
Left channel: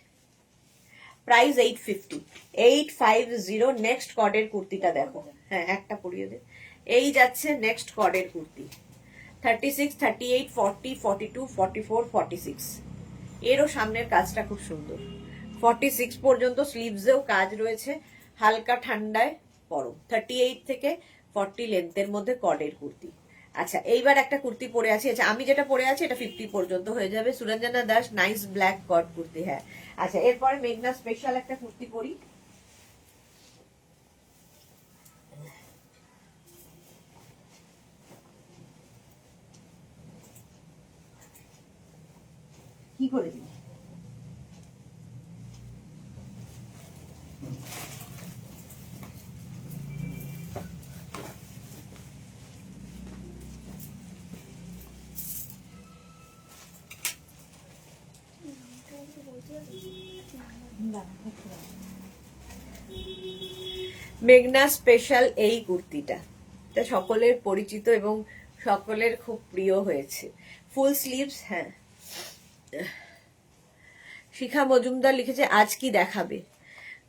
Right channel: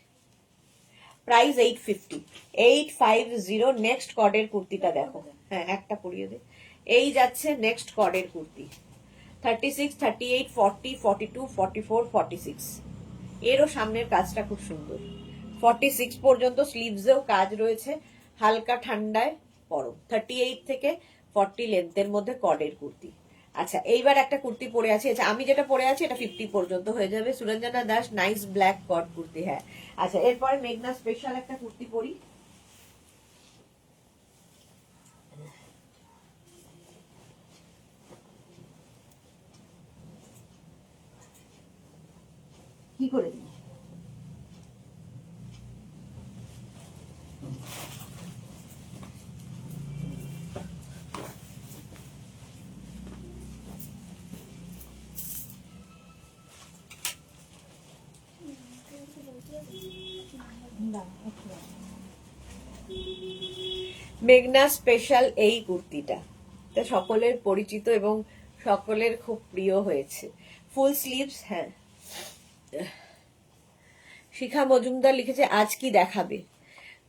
প্রাইস 850। নেক্সট কডের কুর্তিটা দেখো, হ্যাঁ একটা পরিয়ে দে। এই যাচ্ছে নেক্সট কডের কুর্তি, 36, 38, 40, 42, 44, 46। এরও সামনের কাজটা খুব সুন্দর, 46 পর্যন্ত, স্লিভসেও কাজ রয়েছে, হালকা ঠান্ডায় পরো। 38 থেকে 40 লেন্থের মধ্যে কডের কুর্তি। আচ্ছা এইবার একটা কুর্তি পরে আছি, আচ্ছা আমি যেটা পরে আছি এটা 50 পর্যন্ত হয়ে যাবে। Suranjana Das, nice black cod kurti, হ্যাঁ। আচ্ছা এরপরে মেঘনা স্পেশাল একটা কুর্তি পরি, কি করে দিই, মেঘনা স্পেশাল এই কুর্তিটা, এটা সকলের পরিচিত এবং সকলের খুব প্রিয় হয়েছে, ফুল স্লিভস। হ্যাঁ শিখা মজুমদার লিখেছে আজ কি দেখাবে,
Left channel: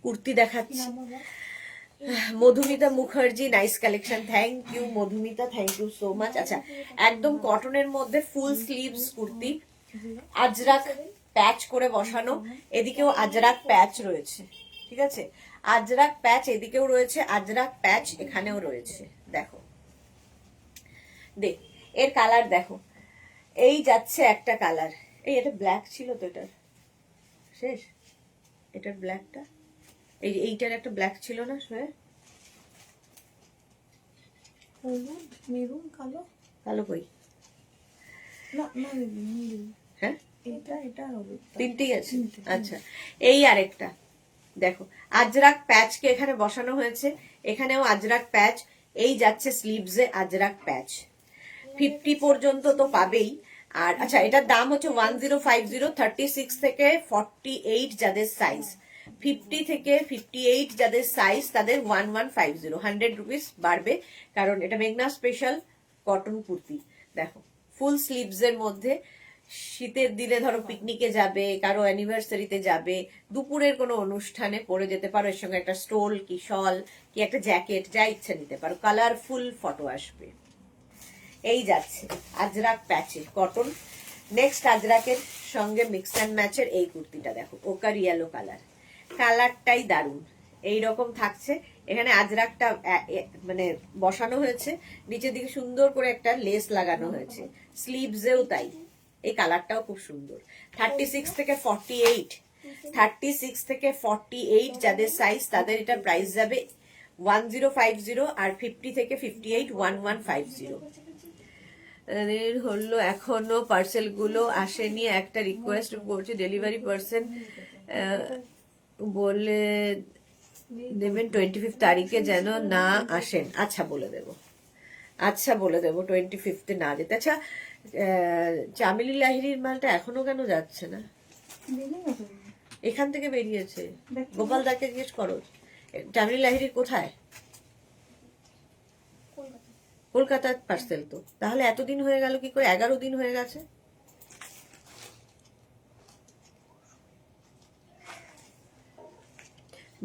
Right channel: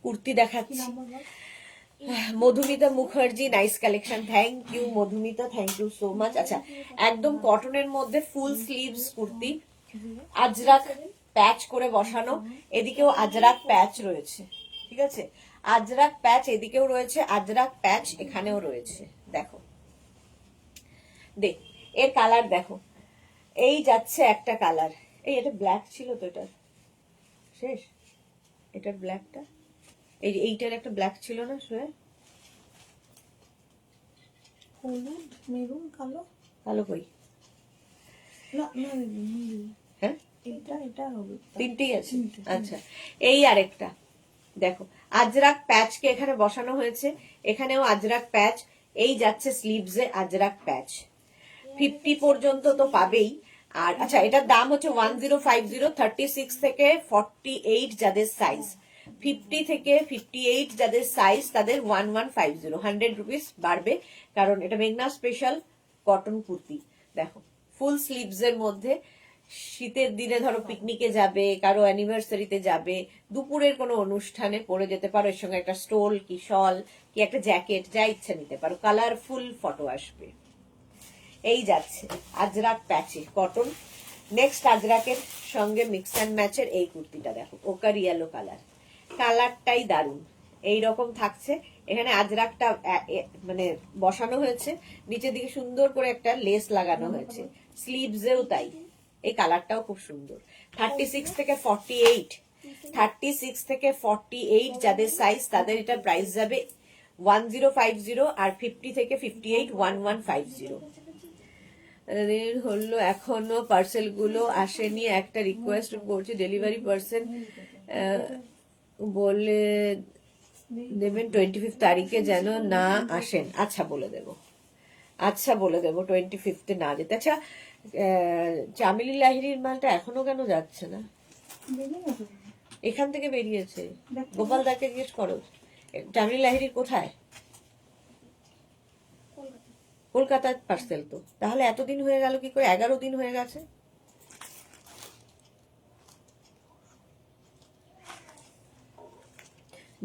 কুর্তি দেখাচ্ছি। Madhumita Mukherjee, nice collection, thank you Madhumita, thank you so much. আচ্ছা একদম কটনের মধ্যে full sleeves kurti, Ajrak patch করে বসানো, এদিকেও আজরাক প্যাচ রয়েছে, ঠিক আছে, আজরাক প্যাচ এদিকেও রয়েছে, আজরাক প্যাচ এখানেও রয়েছে। দেখো দেখ এর কালার দেখো, এই যাচ্ছে একটা কালার, এই এটা ব্ল্যাক ছিল তো, এটার শেষ, এটার ব্ল্যাকটা এইটার একটা ব্ল্যাক ছিল না শ্রেয়া? হলুদ, মেরুন, কালো। কালো কই? না না দিদি, নীল। হ্যাঁ, এটা হলুদ। তিনটেই আছে। আচ্ছা, এই আরেকটা দেখো, আজরাক প্যাচকে এখানে বসানো হয়েছে, এখানেও আজরাক প্যাচ। এই যাচ্ছে স্লিভসে আজরাক প্যাচ। 50 পর্যন্ত তো পাবেই। আর আচ্ছা, এটার দাম হচ্ছে 1050, 36 থেকে 48 যাদের সাইজ, 50 থেকে 58 যাদের সাইজ তাদের 1150, 100 রুপিস বাড়বে, কারণ এটা মেঘনা স্পেশাল কটন কুর্তি। দেখো, ফুল স্লিভস এর মধ্যে, শীতের দিনে ধরো পিকনিকে যাবে, কারো অ্যানিভার্সারিতে যাবে, দুপুরের কোনো অনুষ্ঠানে পরে যেতে পারো, এর সঙ্গে একটা স্টোল কি শল কি একটা জ্যাকেট যা ইচ্ছা নিতে পারো, কালারফুল ফটো আসবে। এই যাচ্ছে আজরাক প্যাচে কটন। নেক্সট আজরাকের সঙ্গে মিক্স অ্যান্ড ম্যাচের এই কুর্তিটা দেখো, ওকার ইয়েলো কালার, কালারটাই দারুণ। এই রকম থাকছে, এখানে আজরাকটা মানে বসানো হয়েছে, নিচের দিকে সুন্দর করে একটা লেস লাগানো হয়েছে, স্লিভসেও তাই। এই কালারটাও খুব সুন্দর। 36 থেকে 48, 36 থেকে 48 যাদের সাইজ তাদের এটা প্রাইস যাবে 1050, আর 50 থেকে 58 1150। হলো এখনো পার্সেল গুলো আসেনি, একটা রিকোয়েস্ট করছি, ডেলিভারি পার্সন বলে দেবেন 25 তারিখে যেন না আসেন। আচ্ছা বলে দেব, আচ্ছা বলে দেবো 25 না যেতে। আচ্ছা, চামেলি লাহিড়ির মালটা এখনো কেন যাচ্ছে না? এখান থেকে বেরিয়েছে, গোপাল দাকে জিজ্ঞেস করো। চামেলি লাহিড়ির কোথায়? কলকাতার পার্সেল তো, তাহলে এতদিন হয়ে গেল কি করে? 11 দিন হয়ে গেছে।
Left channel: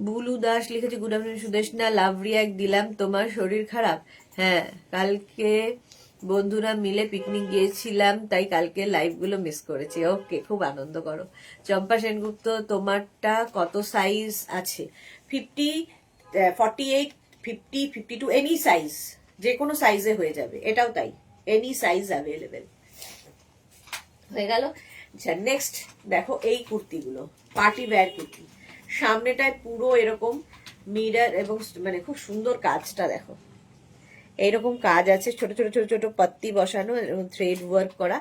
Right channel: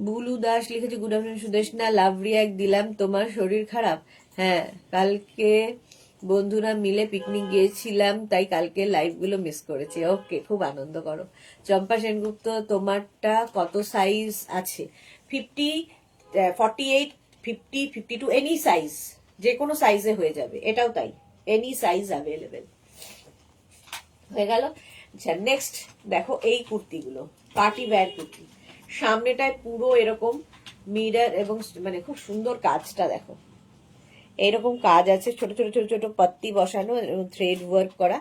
বুলু দাস লিখেছে, good afternoon Sudeshna, love react দিলাম, তোমার শরীর খারাপ? হ্যাঁ, কালকে বন্ধুরা মিলে পিকনিক গিয়েছিলাম, তাই কালকে লাইভ গুলো মিস করেছি। ওকে, খুব আনন্দ করো। চম্পা সেনগুপ্ত, তোমারটা কত সাইজ আছে? 50, 48, 50, 52, এনি সাইজ, যে কোনো সাইজে হয়ে যাবে। এটাও তাই, এনি সাইজ অ্যাভেলেবেল। হয়ে গেল। আচ্ছা, নেক্সট দেখো এই কুর্তিগুলো, পার্টি ওয়্যার কুর্তি। সামনেটায় পুরো এরকম মিরর এবং মানে খুব সুন্দর কাজটা দেখো, এইরকম কাজ আছে, ছোট ছোট ছোট ছোট পাত্তি বসানো এবং থ্রেড ওয়ার্ক করা,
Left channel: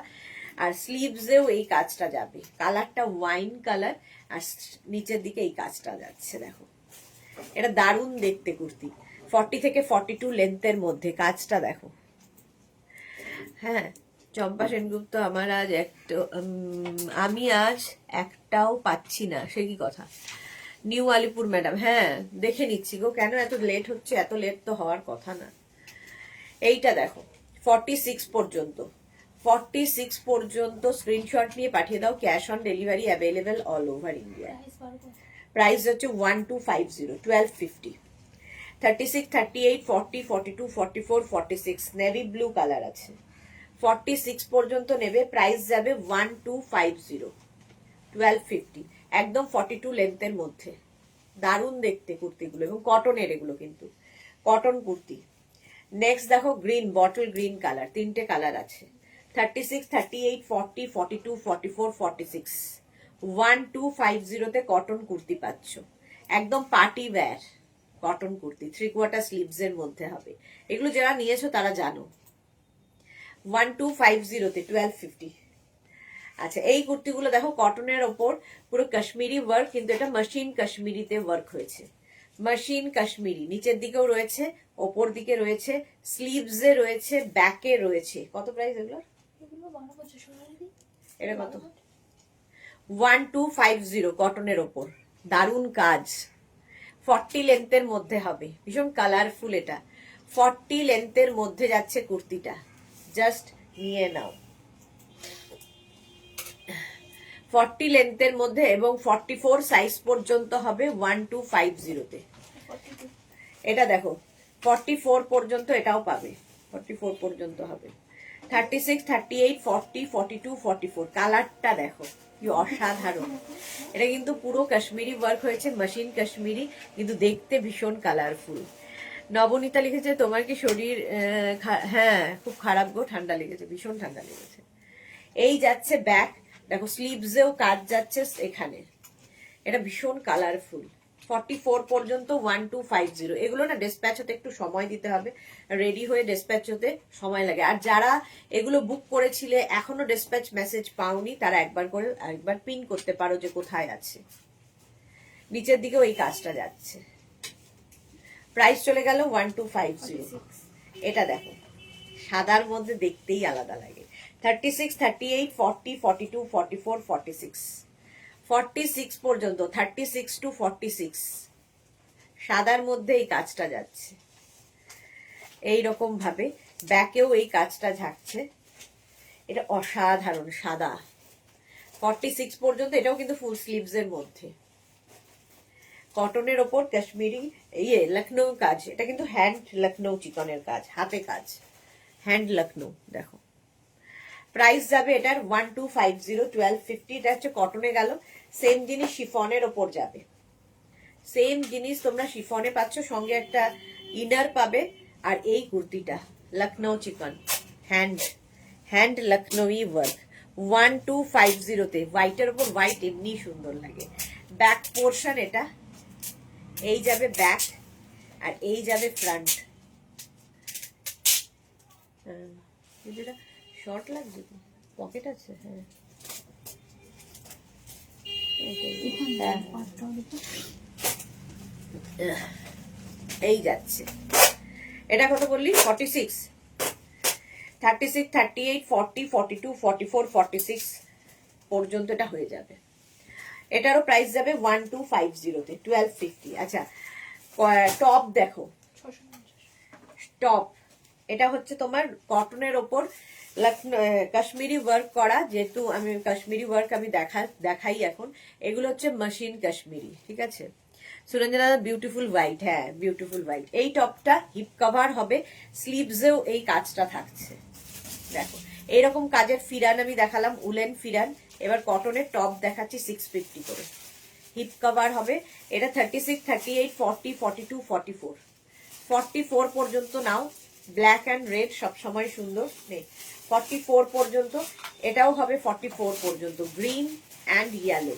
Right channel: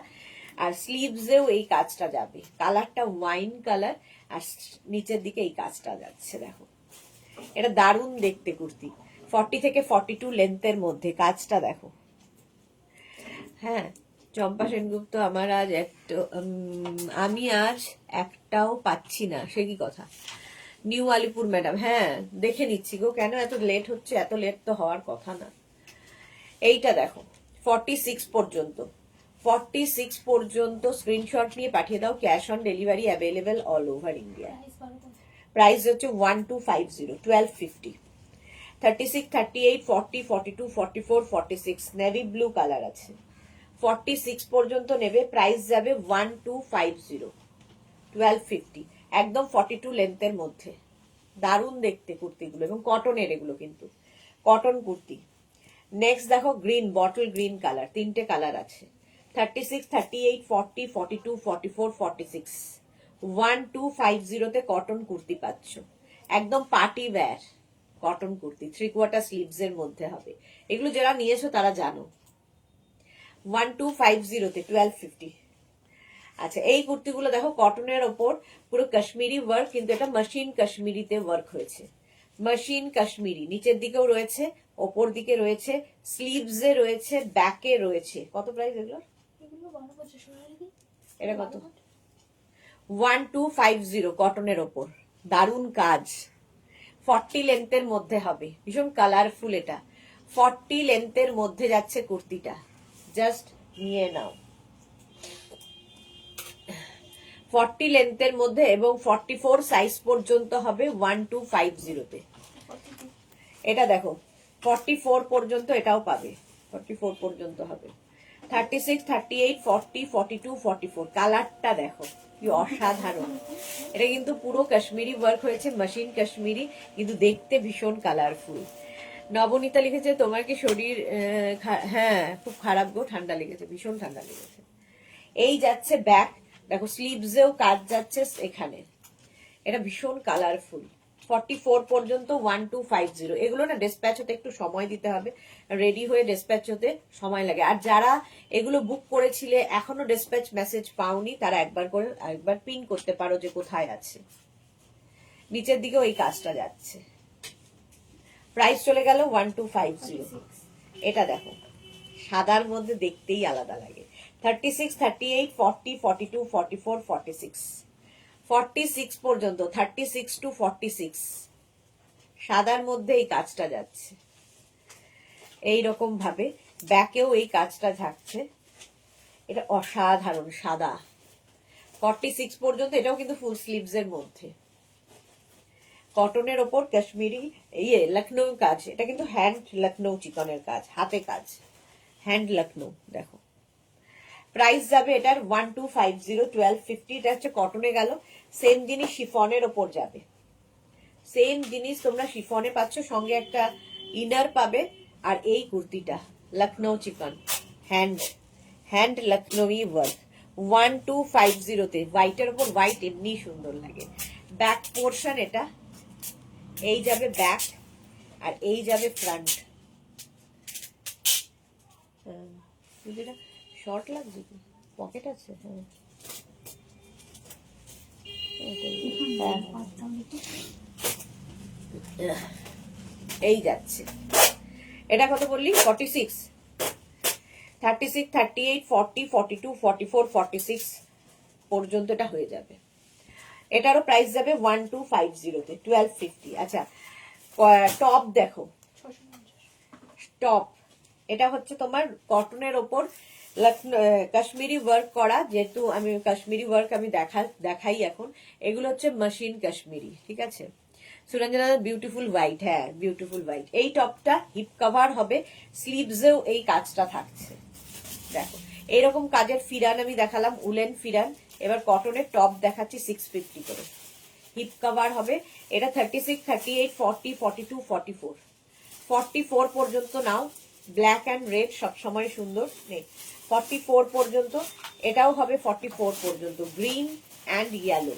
আর স্লিভসেও এই কাজটা যাবে। কালারটা ওয়াইন কালার, আর নিচের দিকে এই কাজটা যাচ্ছে দেখো। এটা দারুণ দেখতে কুর্তি। 40 থেকে 42 লেন্থের মধ্যে কাজটা দেখো। হ্যাঁ, চম্পা সেনগুপ্ত, আমার আজ আমি আজ একটাও পাচ্ছি না, সে কি কথা? নিউ আলিপুর ম্যাডাম, হ্যাঁ দেখে নিচ্ছি গো, কেন এত লেট হচ্ছে? এত লেট তো হওয়ার কথা না। এইটা দেখো, 46 পর্যন্ত, 46 পর্যন্ত স্ক্রিনশট নিয়ে পাঠিয়ে দাও, cash on delivery available all over India. Price হচ্ছে 1250, 1250। 36, 38, 40, 42, 44, 46 নেভি ব্লু কালার আছে। 46 পর্যন্ত নেবে, প্রাইস যাবে 1250, 1250, একদম 42 লেন্থের মধ্যে। দারুণ দেখতে কুর্তিগুলো, এবং কটনের এগুলো, কিন্তু কটন কুর্তি। নেক্সট দেখো গ্রিন, বটল গ্রিন কালার, তিনটে কালার আছে। 36, 38, 40, 42, 44, 46, 1250 তে কটন কুর্তি পাচ্ছ, একদম party wear cotton kurti, 3/4 sleeves এর মধ্যে হবে। এগুলো যারা নিয়েছো তারা জানো। 1250 তে 1250। আচ্ছা, এই কুর্তিগুলো দেখো, কটনের ওপর পুরো কাশ্মীরি ওয়ার্ক, কিন্তু এটা মেশিন কাশ্মীরিতে ওয়ার্ক হয়েছে। মেশিন কাশ্মীরি, নিচের দিকেও রয়েছে, ওপর দিকে রয়েছে, স্লিভসে রয়েছে, ব্যাকে রয়েছে। কত প্রাইস এগুলো? এটা কত? 1250 কটনের ওপর, দারুণ কাজ। 40 লেন্থের মধ্যে হবে, ভীষণ কালারফুল। এটা 40 লেন্থের মধ্যে যাচ্ছে কুর্তিটা, জাস্ট নিয়ে নাও। 40 লেন্থের মধ্যে, এবং 44 সাইজ পর্যন্ত হবে 1250 তে। এটা দেখো, 44 পর্যন্ত এটাও পাবে, 44 পর্যন্ত হবে। 36, 38, 40, 42, 44 কালারটা দেখো কি অসাধারণ। এটা কিন্তু পুরো কাশ্মীরি ওয়ার্ক হয়েছে, মেশিন কাশ্মীরি, কিন্তু দেখতে ভীষণ কালারফুল। নবনীতা লিখেছে, তোমার কি শরীর? হ্যাঁ, খুব খারাপ গো, ঠান্ডা লেগেছে, ভীষণ ঠান্ডা লেগেছে। এই যাচ্ছে ব্যাক, দেখো স্লিভসেও কাজ যাচ্ছে এখানে, এটা ভীষণ কালারফুল। 44 পর্যন্ত 1250। এগুলো না ডিসপ্যাচ হতে একটু সময় দিতে হবে, রেডি হয়ে ডিসপ্যাচ হতে সময় লাগে। আর যারা এগুলো বুক করেছিলে এখনো ডিসপ্যাচ মেসেজ পাওনি, তারা একবার পিন করতে পারো যে কোথায় আছে। নিচের দিকে ওই কাজটা যাচ্ছে। প্রাইস চলে গেল 1250। এটা দেখো সাদার মধ্যে দেখতেই আলাদা লাগে। 36, 38, 40, 42, 44, 46, 46 পর্যন্ত, 36 to 46 সাদার মধ্যে এই কাজটা যাচ্ছে। এইরকম ভাবে ব্যাকেও এই কাজটা থাকছে। এটা অসাধারণ সাদা। 46 পর্যন্ত, এটাও কিন্তু ফুল স্লিভস এর মধ্যে, কটনের ওপর কাশ্মীরি লখনৌ কাজ। এটা কিন্তু হ্যান্ড লখনৌ চিকনের কাজ, হাতে কাজ, হ্যান্ড লখনৌ। দেখো প্রাইস যাবে এটার 1250, 1250। এটা হচ্ছে কটনে গেল। সেম জিনিস শিফনের ওপর যাবে, সেম জিনিস তোমরা শিফনে পাচ্ছ, সঙ্গে একটা ইনার পাবে। আর এই কুর্তিটা লখনৌ চিকন, হ্যান্ড লখনৌই ওয়ার্ক, 1250 তে। হোয়াইটের ওপর হোয়াইট এমনি সুন্দর লাগে। ব্যাক পোর্শন এটা, এই যাবে ব্যাক আর এই যাবে ফ্রন্ট। যেটা শর্ট লাগছে, পকেট আছে। হ্যাঁ এই যাচ্ছে। এটা কত বললি? 46, 36, 38, 40, 42, 44, 46 পর্যন্ত এটা হয়ে যাবে। এটারও প্রাইস যাবে 1250 তে, 1250। আচ্ছা টপ দেখো, টপ এটা হচ্ছে তোমার কটনের ওপর কাশ্মীরি ওয়ার্ক করা। যেহেতু আমি কাশ্মীরি ওয়ার্ক আমি দেখাই এখন, এগুলো হচ্ছে মেশিন কাশ্মীরি, ঠিক আছে। সুরঞ্জনা বিউটিফুল হোয়াইট, হ্যাঁ বিউটিফুল হোয়াইট। এই টপটা হিপ কভার হবে, স্লিভসেও এই কাজটা থাকছে। দেখো এইরকম কাজের ফিরান আমি দেখালাম, উলেন ফিরান। এবার কটনের টপ দেখাচ্ছি 650 করে, হিপ কভার হবে। এটা 36, 38, 40, 42, 44, 44 পর্যন্ত নাও। ব্ল্যাক অ্যান্ড রেড সবসময় সুন্দর নেই। 44 পর্যন্ত এটাও হবে, 44 পর্যন্ত গ্রিন অ্যান্ড ইয়েলো,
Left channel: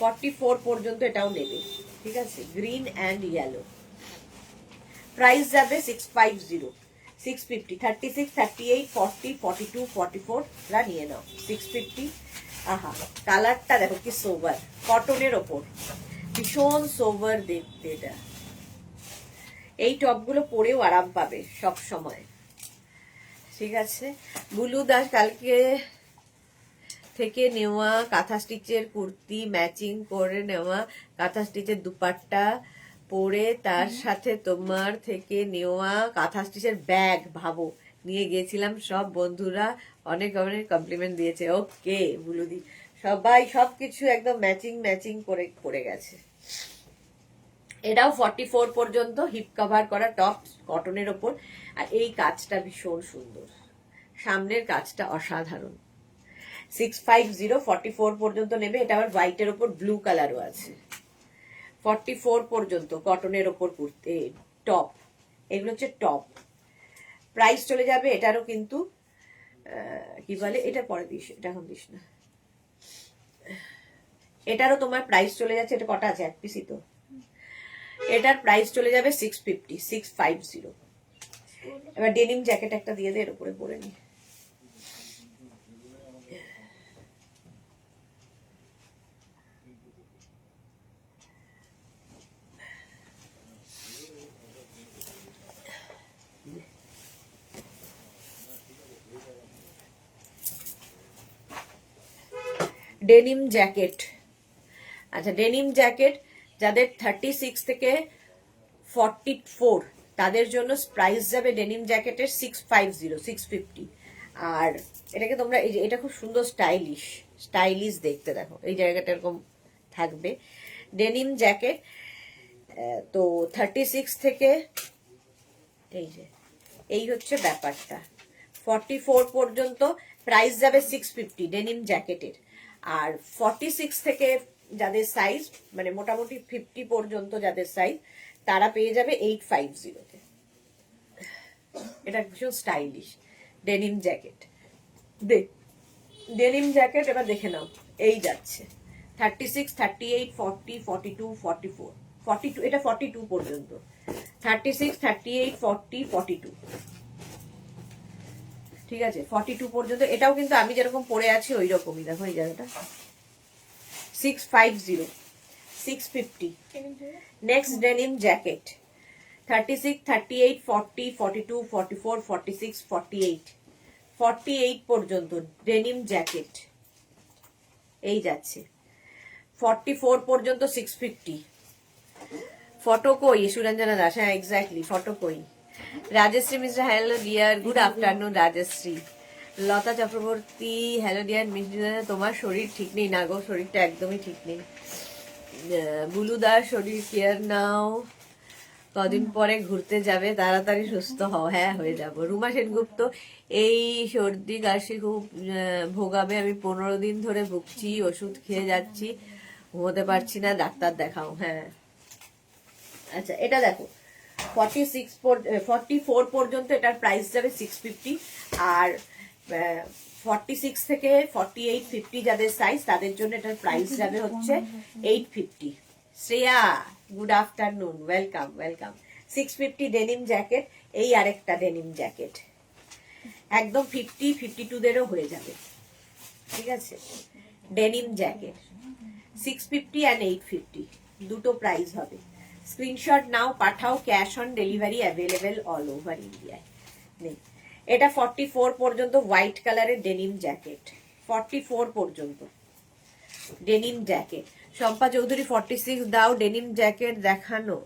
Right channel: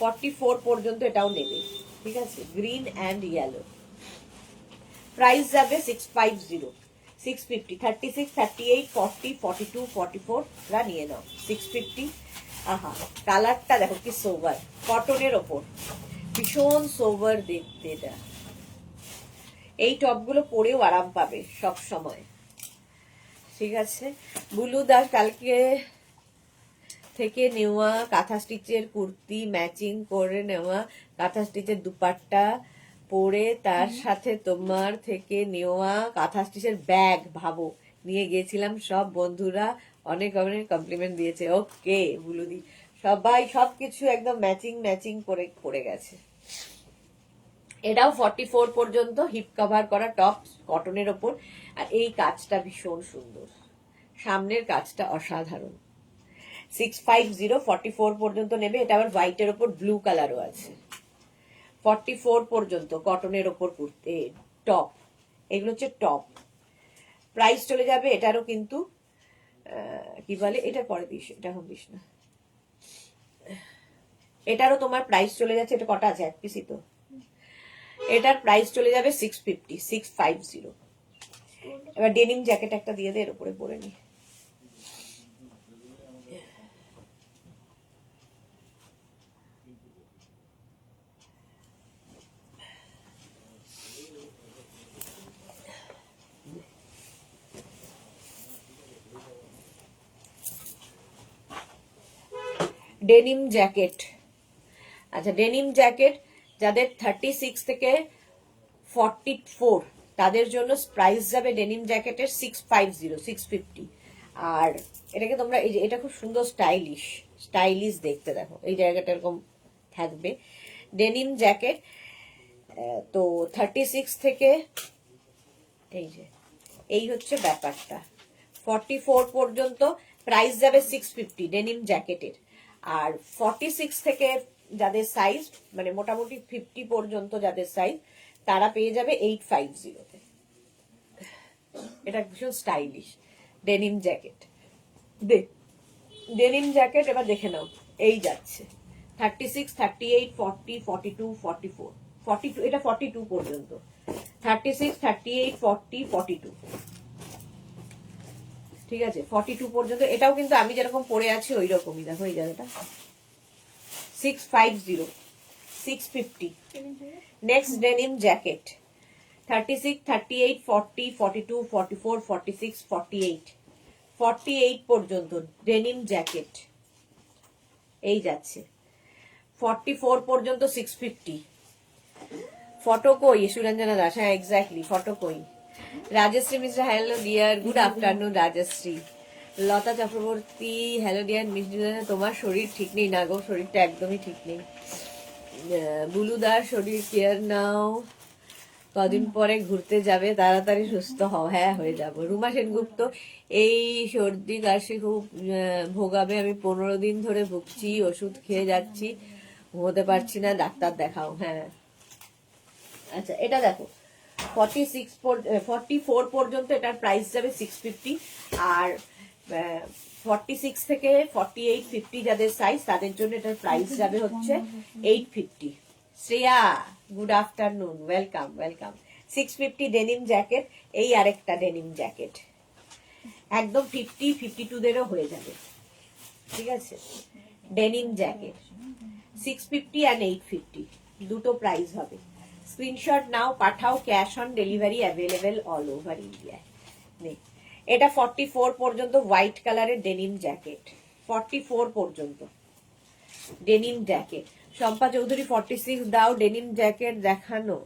44 পর্যন্ত এটাও নেবে, ঠিক আছে, গ্রিন অ্যান্ড ইয়েলো। প্রাইস যাবে 650, 650, 36, 38, 40, 42, 44 রা নিয়ে নাও, 650। আহা কালারটা দেখো কি সোভার, কটনের ওপর ভীষণ সোভার দেখতে। এটা এই টপগুলো পরেও আরাম পাবে সব সময়, ঠিক আছে। বুলু দাস কালকে থেকে নেওয়া কাঁথা স্টিচের কুর্তি, ম্যাচিং করে নেওয়া কাঁথা স্টিচের দুপাট্টা পরে, তার সাথে তোমার থেকে নেওয়া কাঁথা স্টিচের ব্যাগ, ভাবো নিয়ে গিয়েছিলাম। সব বন্ধুরা অনেক অনেক কমপ্লিমেন্ট দিয়েছে। ওকে বুলুদি, সবাই সবকিছু একদম ম্যাচিং করে পরে গেছে। এটাও 44 পর্যন্ত হিপ কভার করা টপ, কটনের ওপর। আর এই কাজটা ভীষণ সুন্দর, সামনের কাজটা অসাধারণ। 650, 44 পর্যন্ত নেবে। এটা আবার হোয়াইটের ওপর ব্লু কালারও আছে। 44 পর্যন্ত কটনের ওপর কুর্তি, টপ। এগুলো হচ্ছে টপ। প্রাইস চলে যাবে এটারও কিন্তু কি বলে, এটা পরে দিস, এটা এখন দিস না। এটারও তোমার প্রাইস চলে যাচ্ছে। এটা কটা আছে? এক পিসই তো। এটার প্রাইস চলে যাবে 650, 650। এবার ডেনিম জ্যাকেট একটা দিয়ে দে, এর উপরে পরে নি। ডেনিম জ্যাকেট, আচ্ছা ডেনিম জ্যাকেট যাদের 36 থেকে 44 তাদের জন্য প্রাইস যাবে ডেনিম জ্যাকেটের 650, 650। আর এটাকে তোমরা এই যে, এটা খুব সুন্দর স্টাইলিশ দেখতে, দেখো এই জায়গাটা এরকম থাকবে। ডেনিম জ্যাকেট তো 36 থেকে এই যে, এই হচ্ছে ব্যাপারটা। 44 পর্যন্ত প্রাইস যাবে 650 ডেনিম জ্যাকেটের। আর 46 থেকে যাদের সাইজ মানে মোটামুটি 50 পর্যন্ত যাদের সাইজ, তারা পেয়ে যাবে 850 তে। এটা ভীষণ stylish denim jacket. Denim jacket এবার দেখে নাও, এই যাচ্ছে 36, 38, 40, 42, 44। 42, এটা 42 পর্যন্ত, 36, 38, 40, 42, ঠিক আছে, 42 পর্যন্ত। এটাও কিন্তু আমি যেরকম পরে আছি ওই রকমই, দেখো এই জায়গাটা 650, 650। নেক্সট ডেনিম জ্যাকেট 36, 38, 40, 42, 44, 46, 48, 48 পর্যন্ত ডেনিম জ্যাকেট এই যাচ্ছে। 44 পর্যন্ত 650। ফটো কই সুরঞ্জনা দাস? হ্যাঁ এক্স্যাক্টলি, ফটো কই? Rajashree Mishra, hello dear, good afternoon Rajashree. Lata Chakraborty, hello dear মিষ্টি, তোমার শরীর ঠিক নেই? না গো, শরীরটা একদমই ঠিক নেই। বুলু দাস, শরীর কেয়ার নাও, কদিন পরে ঘুরতে যাবে, তাড়াতাড়ি সুস্থ হও। হ্যাঁ হয়ে যাব। রুমা সেনগুপ্ত, এই সর্দি কাশি খুব ভোগাবে, আমি 15 দিন ধরে ভুগছি, ওষুধ খেয়ে যাচ্ছি, ঘুমোতে পারছি না, ডাক্তার দেখাও। হ্যাঁ আচ্ছা, এটা দেখো 44 পর্যন্ত এটার প্রাইস যাবে 650, আর 46 থেকে 48, 50 যাদের সাইজ তাদের জন্য এটার প্রাইস যাবে হচ্ছে 850। Shreya, good afternoon, welcome welcome. 650 denim jacket, এই আরেকটা ডেনিম জ্যাকেট একদম 50, 52 দেরও হয়ে যাবে, ঠিক আছে। ডেনিম জ্যাকেট 650 and 850 দুটো প্রাইস হবে। স্ক্রিনশট নাও, পাঠাও, cash on delivery available all over ইন্ডিয়ায়। নেই, এটা 44 পর্যন্ত হোয়াইট কালারের ডেনিম জ্যাকেট, 44 পর্যন্ত ডেনিম জ্যাকেট। শম্পা চৌধুরী 46 দাও, ডেনিম জ্যাকেট দেখানো,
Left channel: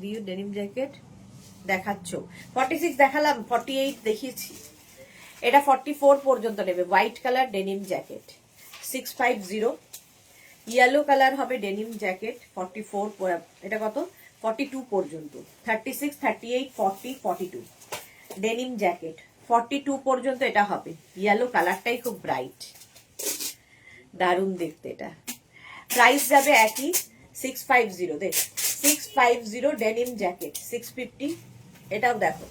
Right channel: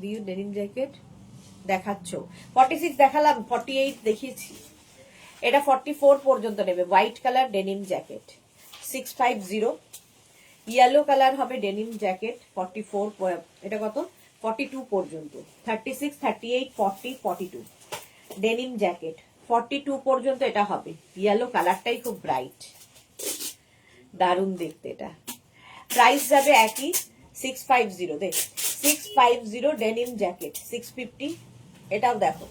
দিও ডেনিম জ্যাকেট দেখাচ্ছ। 46 দেখালাম, 48 দেখিয়েছি। এটা 44 পর্যন্ত নেবে, white colour denim jacket 650। Yellow colour হবে ডেনিম জ্যাকেট 44, এটা কত 42 পর্যন্ত, 36, 38, 40, 42 ডেনিম জ্যাকেট 42 পর্যন্ত এটা হবে। ইয়েলো কালারটাই খুব ব্রাইট, দারুণ দেখতে। এটা প্রাইস যাবে একই 650, দেখ 650 ডেনিম জ্যাকেট 650। এটাও দেখো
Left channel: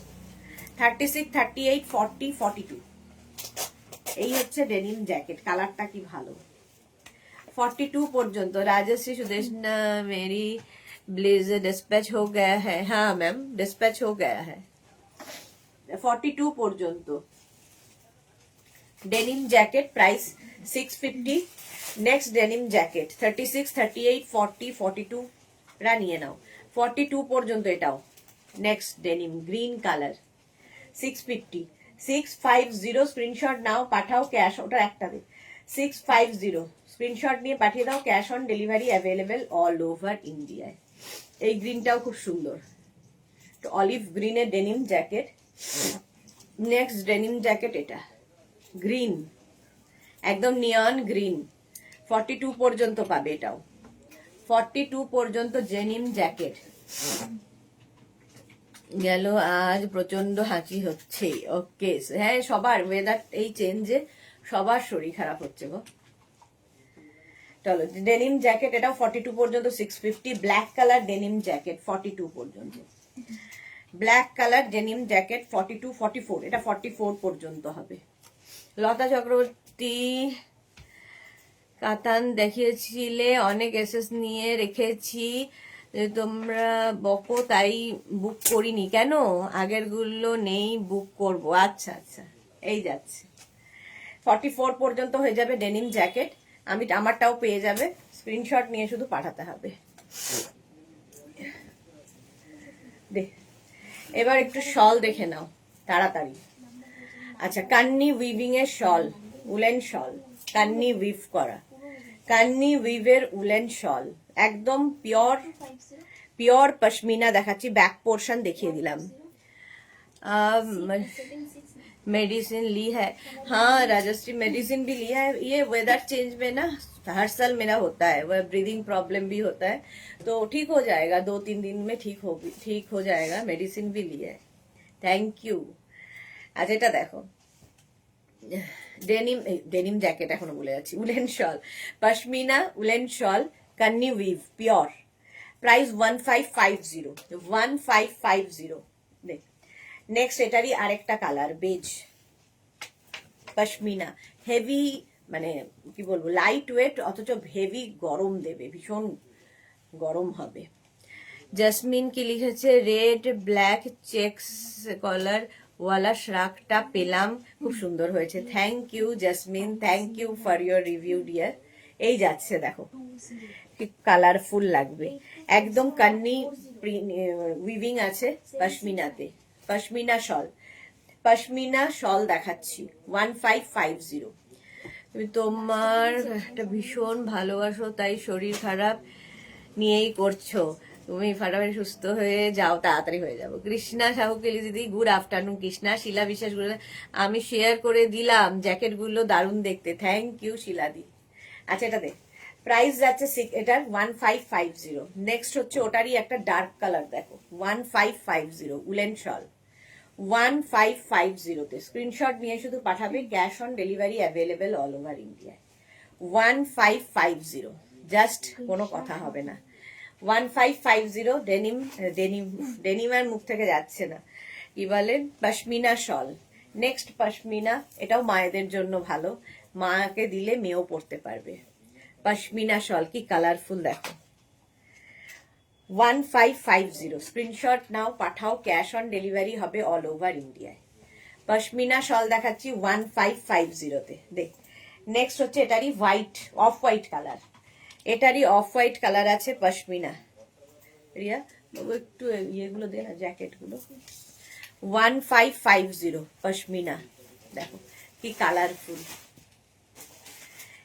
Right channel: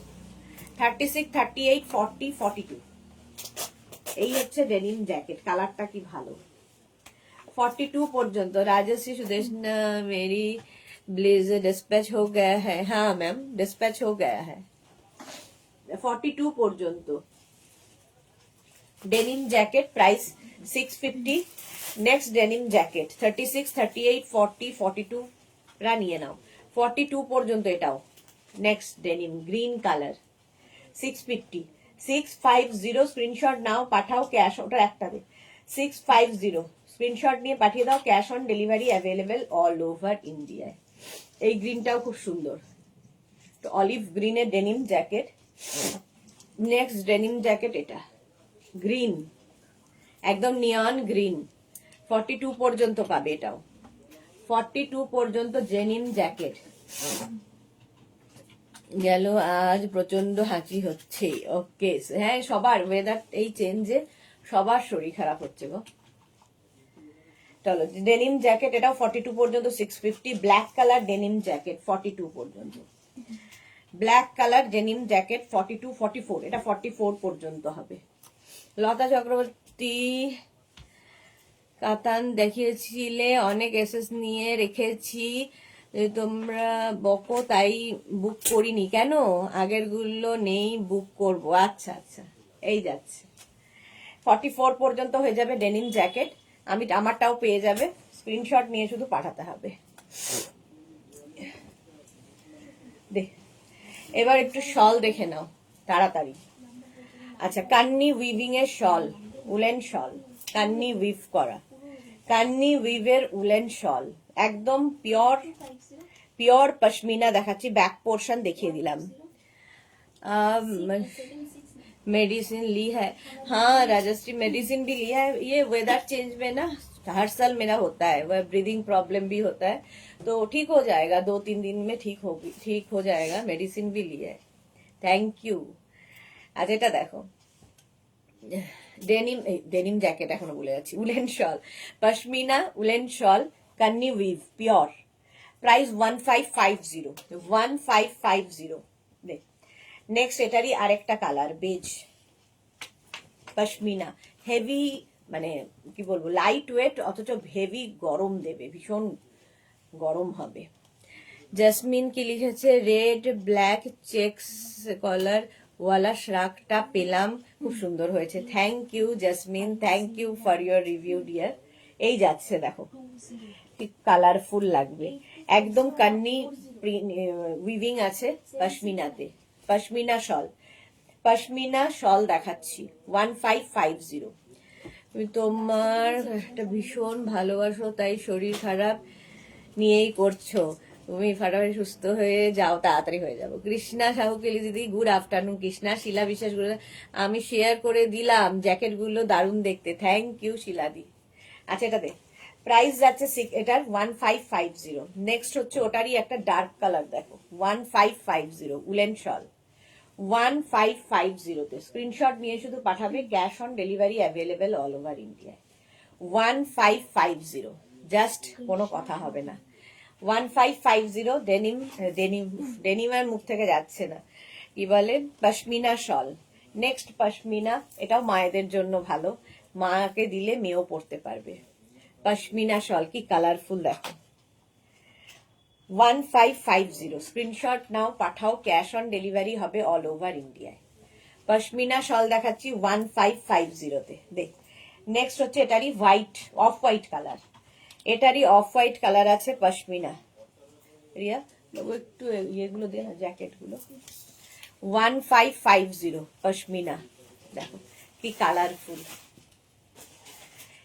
36, 38, 40, 42 এই হচ্ছে ডেনিম জ্যাকেট, কালারটা কি ভালো। 42 পর্যন্ত। राजश्री सुदेशना, मेरी ब्लेजर डिस्पैच हो गया है? हाँ मैम, डिस्पैच हो गया है। 42 পর্যন্ত denim jacket, price 650। Next denim jacket 36, 38, 40, 42 রা নিয়ে নাও। 42 পর্যন্ত এটাও। Next denim green colour 650, 650 screenshot নাও, পাঠাও, ক্যাশ, ওটা একটা দে, 650 স্ক্রিনশট নিয়ে পাঠিয়ে দাও, cash on delivery available all over ইন্ডিয়ায়। এই গ্রিনটাও খুব সুন্দর, অলিভ গ্রিনের denim jacket. Next denim jacket এটা গ্রিন, একদম নিয়ন গ্রিন, 42 পর্যন্ত পাবে এটাও। 42 পর্যন্ত ডেনিম জ্যাকেট। গেল, আজ প্রচন্ড হাঁচি হচ্ছে। ওকে, হ্যাঁ সবার ওয়েদার এই চেঞ্জে সবার শরীর খারাপ হচ্ছে গো। চলো, ডেনিম জ্যাকেট এটাও 42 পর্যন্ত 650। ব্ল্যাক কালার ডেনিম জ্যাকেট 42 পর্যন্ত। ব্ল্যাক কালার ডেনিম জ্যাকেট 42, 44, এটা 44 পর্যন্ত হবে। লতা চক্রবর্তী, কাতান দেখিয়েছিলে, অনেক এসএস নিয়ে রেখেছি, তোমরা বকো তাই বুক করিনি। কেন? আগের গুলো নেই, বুক করব। আচ্ছা আচ্ছা, এই যাচ্ছে 44 পর্যন্ত হয়ে যাবে ডেনিম জ্যাকেট। আমি আমারটাও পেয়ে যাবে, স্ক্রিনশট নিয়ে শুধু পাঠাতে হবে। এবার একটু শল দেখে নাও তাড়াতাড়ি। আচ্ছা, কান্নি উইভিং এর শল, উলেন শল, কান্নি উইভ করা, কান্নি উইভের উলেন শল, একদম পিওর পিওর পশমিনা দেখাচ্ছি। ব্যাক পোর্শন দেখিয়ে दिलाम। मेडिसिन ली है? हाँ राजश्री, मेडिसिन भी लिया है। ये वेदर चेंज में ना हर साल मेरा होता है, वह ब्रीदिंग प्रॉब्लम भी होता है, तो ठीक हो जाएगा, 2-3 दिन में ठीक हो जाएगा। मेडिसिन भी लिया है, थैंक यू। আচ্ছা, এটা দেখো ডেনিম জ্যাকেট, এখনো বলে যাচ্ছি, উলেন শল, পশমিনা উলেন শল, কান্নি উইভ পিওর, প্রাইস 1550, 1550। দেখ, নেক্সট এটারই আরেকটা কালার বেজ পশমিনা, হেভি, মানে কি বলবো, লাইট ওয়েট অথচ হেভি গরম দেবে, ভীষণ গরম হবে। জাসমিন কি লিখেছে, রেড ব্ল্যাক চেকস কলার ওয়ালা শ্রাকটা পেলাম, খুব সুন্দর হয়েছে। Thank you Jasmine, thank you for your review dear. এই যাচ্ছে দেখো, কালারফুল লাগবে একদম। কান্নি উইভিং আছে পশমিনাতে, পশমিনা শল, পশমিনা শল দেখাচ্ছি 1550। তুমি তোমার একটা ভীষণ ভালোবাসো, তাই শরীর খারাপ নিয়েই করছো, তুমি ফাটাফাটি সুস্থ হয়ে যাও, তাড়াতাড়ি হয়ে যাবো। কৃষ্ণা সাহু কেলি দিদি, গুড আফটারনুন। কৃষ্ণা, শিলা বিশ্বাস, আমি শেয়ার করে দিলাম, জ্যাকেট গুলো দারুণ দেখতে, থ্যাংক ইউ শিলাদি। আচ্ছা এটা দেখ, প্রাইস যাচ্ছে এটার 1550। নেক্সট হচ্ছে ওটারই একটা ডার্ক কালার দেখো, 1550 উলেন শল, 1550 স্ক্রিনশট নিয়ে শুধু পাঠাবে, cash on delivery available all over India. 1550, just কোনো কথা হবে না। 1550 ডেনিম, ডেনিম ডেনিম আর মুখ থেকে যাচ্ছে না, কি বলেন, পশমিনা শল। নেক্সট পশমিনা, এটাও মায়েদের জন্য ভালো, মাকে দিলে মেয়েও পড়তে পারবে। পশমিনা শল কি কালারফুল দেখো, 1550 স্ক্রিনশট নাও, পাঠাও, ক্যাশ অন ডেলিভারি হবে অল ওভার ইন্ডিয়ায়। পশমিনা শল দেখাচ্ছি 1550-তে। দেখ, নেক্সট হচ্ছে এটারই হোয়াইট, অফ হোয়াইট কালার, এটারই অফ হোয়াইট কালার আছে পশমিনা। রিয়া বাবু একটু ইয়েগুলো দে না, জ্যাকেট গুলো। 1550 পশমিনা, দেখো কি কালারফুল।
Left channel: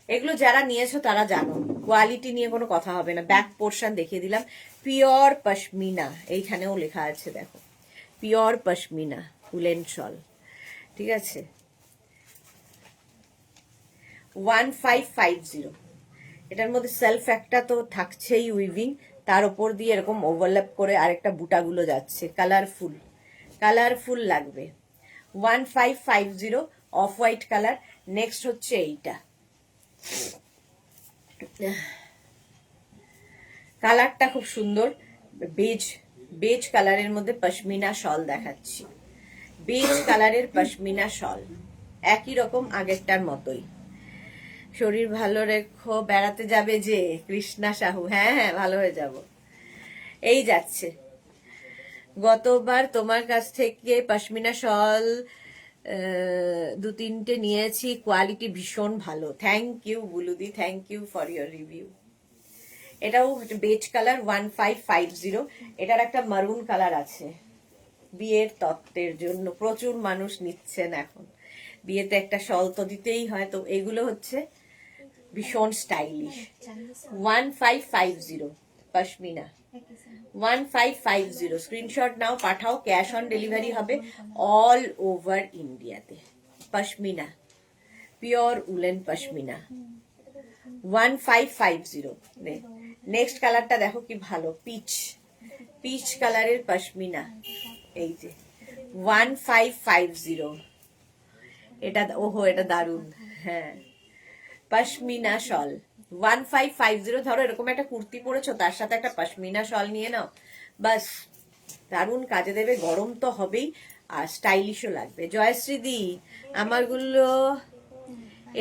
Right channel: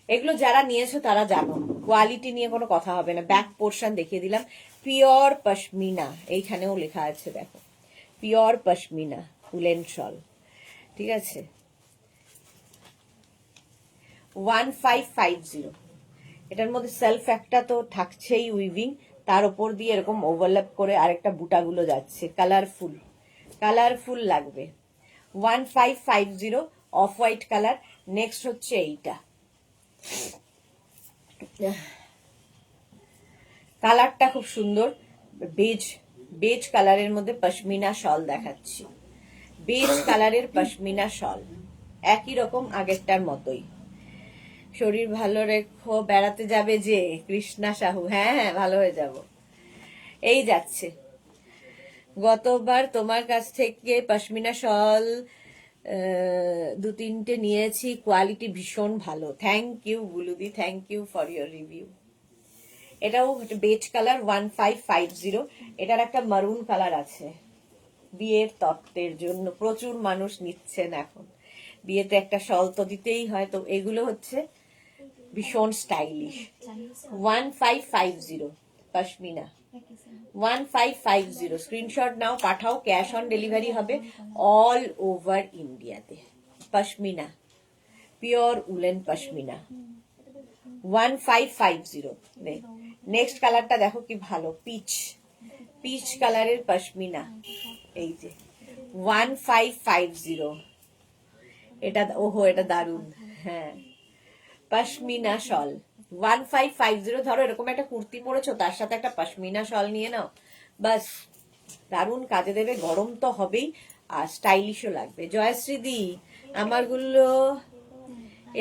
এগুলো যারা নিয়েছো তারা জানো, কোয়ালিটি নিয়ে কোনো কথা হবে না। ব্যাক পোর্শন দেখিয়ে দিলাম, পিওর পশমিনা, এইখানেও লেখা আছে দেখো, পিওর পশমিনা উলেন শল, ঠিক আছে। 1550, এটার মধ্যে সেলফ একটা তো থাকছেই উইভিং, তার উপর দিয়ে এরকম ওভারল্যাপ করে আরেকটা বুটাগুলো যাচ্ছে, কালারফুল, কালারফুল লাগবে। 1550 অফ হোয়াইট কালার। নেক্সট হচ্ছে এইটা, কালারটা খুব সুন্দর, বেজ, বেজ কালারের মধ্যে পশমিনা শল দেখাচ্ছি, বেজ কালারের পশমিনা শল, একই রকম আগেরটার মতোই। শরীর ভালো রেখো, বেড়াতে যাবে যে কৃষ্ণা সাহু, হ্যাঁ হ্যাঁ ভালো হয়ে যাব। এই যাচ্ছে, গতবার তোমার কাছ থেকে পশমিনা শল 2-3টে নিয়েছি, কোয়ালিটি ভীষণ ভালো, thank you Buludi, thank you for your review. এটাও বেজ কালার 1550। এটার একটা মারুন কালার আছে, বিয়ের তত্ত্বের জন্য প্রচুর মানুষ নিচ্ছেন এখন, বিয়েতে একটা শল তো দিতেই হয়, তো এগুলো হচ্ছে ভীষণ স্টাইলিশ। 1550 পশমিনা, 1550 স্ক্রিনশট নাও, পাঠাও, ক্যাশ অন ডেলিভারি হবে অল ওভার ইন্ডিয়াতে। Pashmina, pure woollen pashmina, 1550। Next কালারটা দেখো কি ভালো, পিচ, পিচ কালারের পশমিনা, এই যে 1550। এটা ওহো, এটা দারুন, হ্যাঁ পশমিনা শল 1550। ধরো এরকম একটা কুর্তি পরেছো, তার সাথে একটা পশমিনা শল নিয়ে নাও, বাস দারুন কাজে দেবে, গরম তো হবেই আর স্টাইলিশও লাগবে। জয়শ্রী দি, আমারগুলো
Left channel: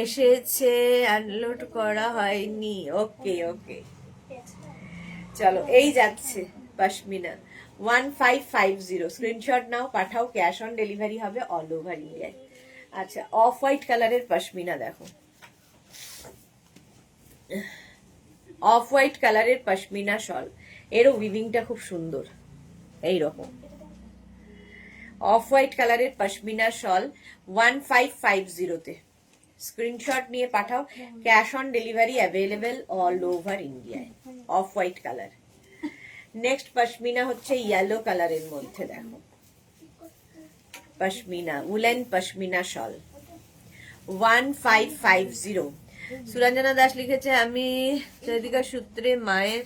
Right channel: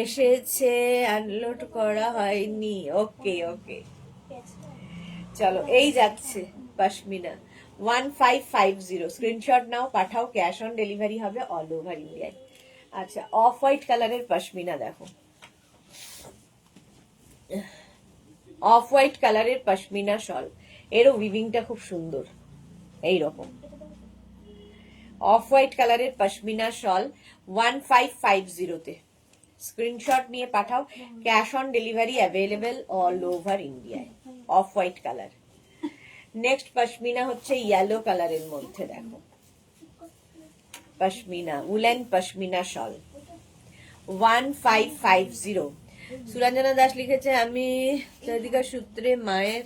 এসেছে, আনলোড করা হয়নি, ওকে ওকে, চলো এই যাচ্ছে পশমিনা 1550 স্ক্রিনশট নাও, পাঠাও, ক্যাশ অন ডেলিভারি হবে অল ওভার ইন্ডিয়ায়। আচ্ছা, অফ হোয়াইট কালারের পশমিনা দেখো, অফ হোয়াইট কালারের পশমিনা শল, এরও উইভিংটা খুব সুন্দর, এই রকম অফ হোয়াইট কালারের পশমিনা শল 1550-তে স্ক্রিনশট নিয়ে পাঠাও, cash on delivery available all over ইন্ডিয়ায়। Off white colour. Next pashmina হচ্ছে ইয়েলো কালারের মধ্যে দেখো, পশমিনা উলেন পশমিনা শল 1550। সুরঞ্জনা দাস লিখেছে, আমি চৈতিকা সূত্রে মায়ের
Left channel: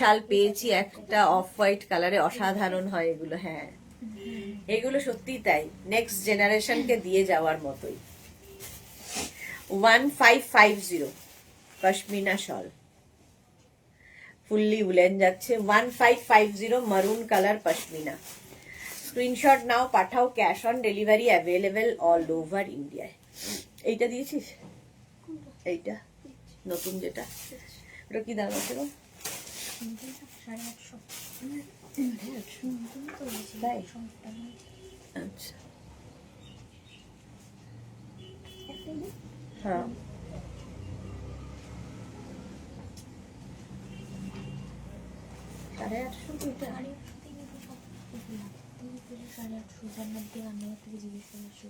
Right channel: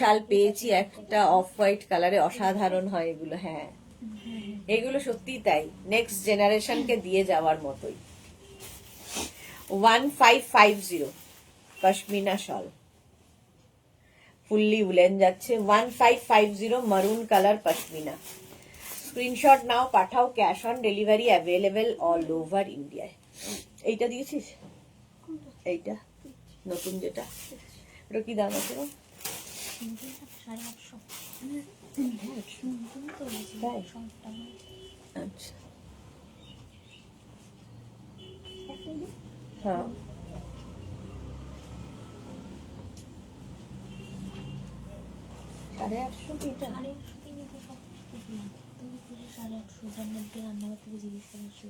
শাল পেয়েছি একটা অফ হোয়াইট কালারে, অসাধারণ হয় এগুলো, হ্যাঁ এগুলো সত্যি তাই, নেক্সট জেনারেশনকে দিয়ে যাওয়ার মতোই। 1550 পশমিনা শল, ফুললি উলেন যাচ্ছে, 1550 মারুন কালার পশমিনা। স্ক্রিনশট নাও, পাঠাও, cash on delivery available all over ইন্ডিয়ায়। এইটা দিয়েছিস, এইটা নতুন যেটা, ওটা কি দাম আছে? 850 তো বলেছি, তাই? 100 টাকা। আচ্ছা হ্যাঁ, সাড়ে 800 থেকে তো সব কিছু না। তুমি বলে 850, যার মধ্যে রান্নাঘর থেকে জিজ্ঞেস করেছো।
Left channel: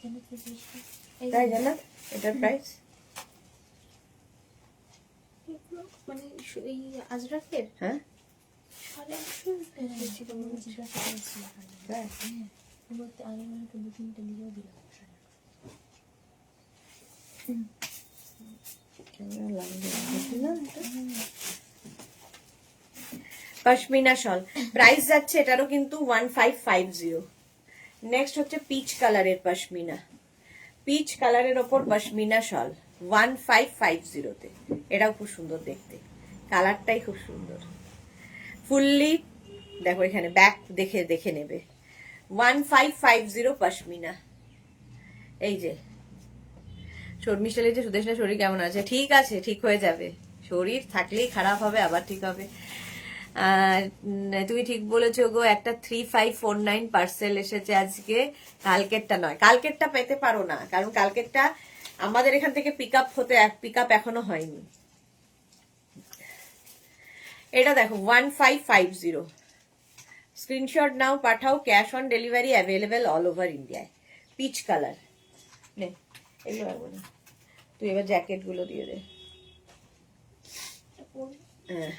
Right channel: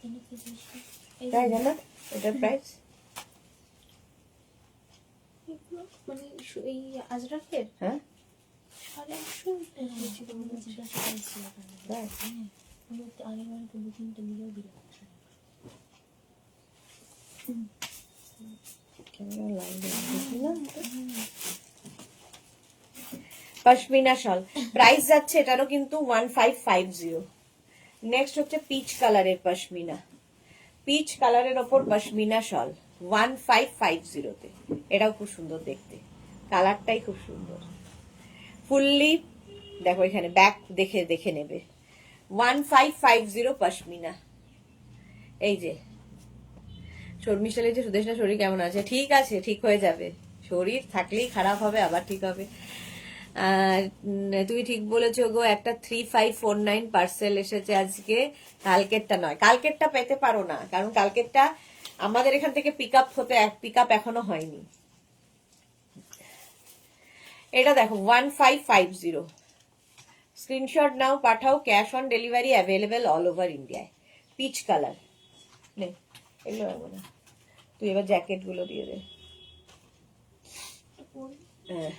জানো কি জিজ্ঞেস কর? এই তাই জানো এটার প্রাইস? এগুলো মানে এই আজরাকের হ্যাঁ 850 বলেছি, তোমাকে জিজ্ঞাসা করেছি এখানে। তাই? হ্যাঁ, বলতে আগে মানে তো বুকিংটা নিয়েও দিলাম 850। ক্যামেরা লাইন দেখলাম পশমিনা শল প্রাইস যাচ্ছে এটারও কিন্তু 1550। নেক্সট হচ্ছে পিচ কালারের পশমিনা, পিচ কালারের ওপর পশমিনা শল 1550 তে। এটাও খুব সুন্দর দেখতে, কালারটাই খুব সুন্দর। ফুললি দেখো এখানে ব্যাক দেখে দেখে নেবে। 1550 পশমিনা। এই যে শর্মিষ্ঠা লিখছে সুদেশনা শরীর কেমন আছে? ঠিক আছে, ঠিক হয়ে যাবে। শরীর থাকলেই খারাপ হবে, আবার ঠিক হবে। তুমি ঠিক বলেছো গো, একটা 3549 পার্সেল এসেছে আজকে, কালকেরটা নয়। কালকেরটা পেতে পারো না, কারণ কালকেরটা আমাদের এখান থেকে পিক আপ এখনো হয়নি। এটা দেখো 1550, স্ক্রিনশট নাও, পাঠাও, cash on delivery available all over ইন্ডিয়ায়। পিচ কালার নে, এগুলো পারবো না, তুই এবার জ্যাকেট গুলো দিয়ে দে। হ্যাঁ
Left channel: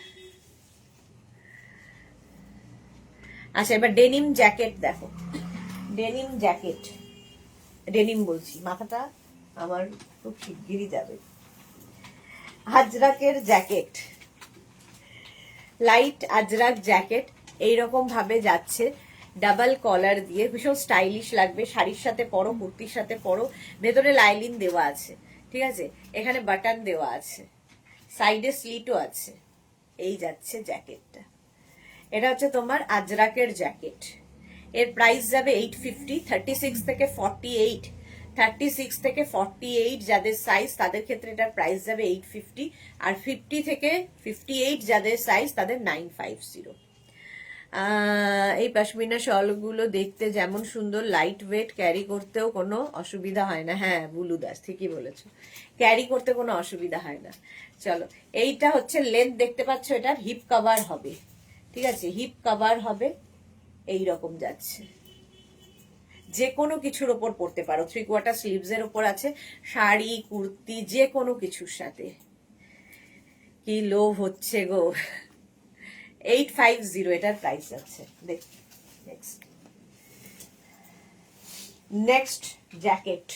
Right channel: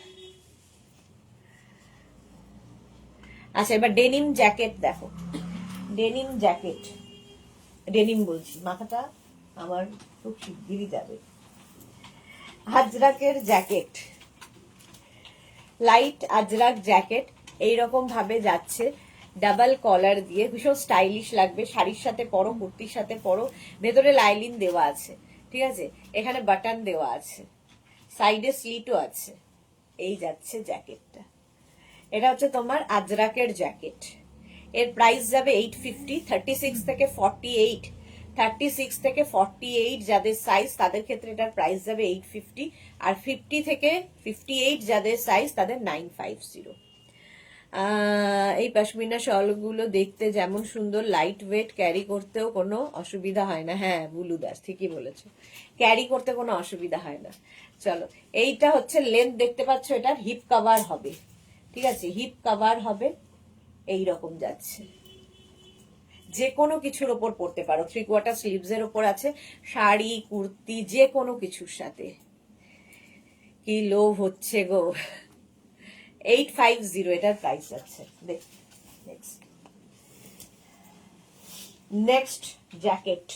আচ্ছা, এবার ডেনিম জ্যাকেট দেখো, ডেনিম জ্যাকেট, ডেনিম বলছি, মাথাটা আমার খুব শিগগিরই যাবে। আজরাকের জ্যাকেট, লাইট আজরাক জ্যাকেট এইরকম ভাবে যাচ্ছে, ডাবল কলার দিয়ে, ভীষণ স্টাইলিশ লাগবে। শাড়ির সাথে পরো, কুর্তির সাথে পরো। ভেতরে লাইলিন দেওয়া আছে, ঠিক আছে, এখানে বাটন দেওয়া আছে, সাইডে স্লিটও আছে। এই যাচ্ছে জ্যাকেটটা, এটা হচ্ছে তোমার আজরাকের জ্যাকেট। এর প্রাইস যাবে 850। 36 থেকে 48, 36 থেকে 48 যাদের সাইজ তাদের ক্ষেত্রে এটার প্রাইস যাবে 850, আর 50 থেকে 58 যাদের সাইজ তাদের 950। এই পশমিনা শলগুলো দেখতে যেমন সুন্দর, লাইট ওয়েট, ক্যারি করতেও কোনো অসুবিধা হয় না। হ্যাঁ বুলু দাস ঠিকই বলেছো, ক্যারি করতে কোনো অসুবিধা হয় না। চলো, এইটা হচ্ছে লেন্থ দেখতে পাচ্ছ, এটার হিপ কভার হবে, ঠিক আছে, হিপ কভার হবে, এই রকম যাচ্ছে। যে কোনো কিছুর ওপর পড়তে পারো, 3/4 স্লিভস এর ওপর আছে, শাড়ি কুর্তি যে কোনো কিছুর সাথে। কি লোভ হচ্ছে গো। 850 এটার প্রাইস আছে। দেখ নেক্সট জ্যাকেট,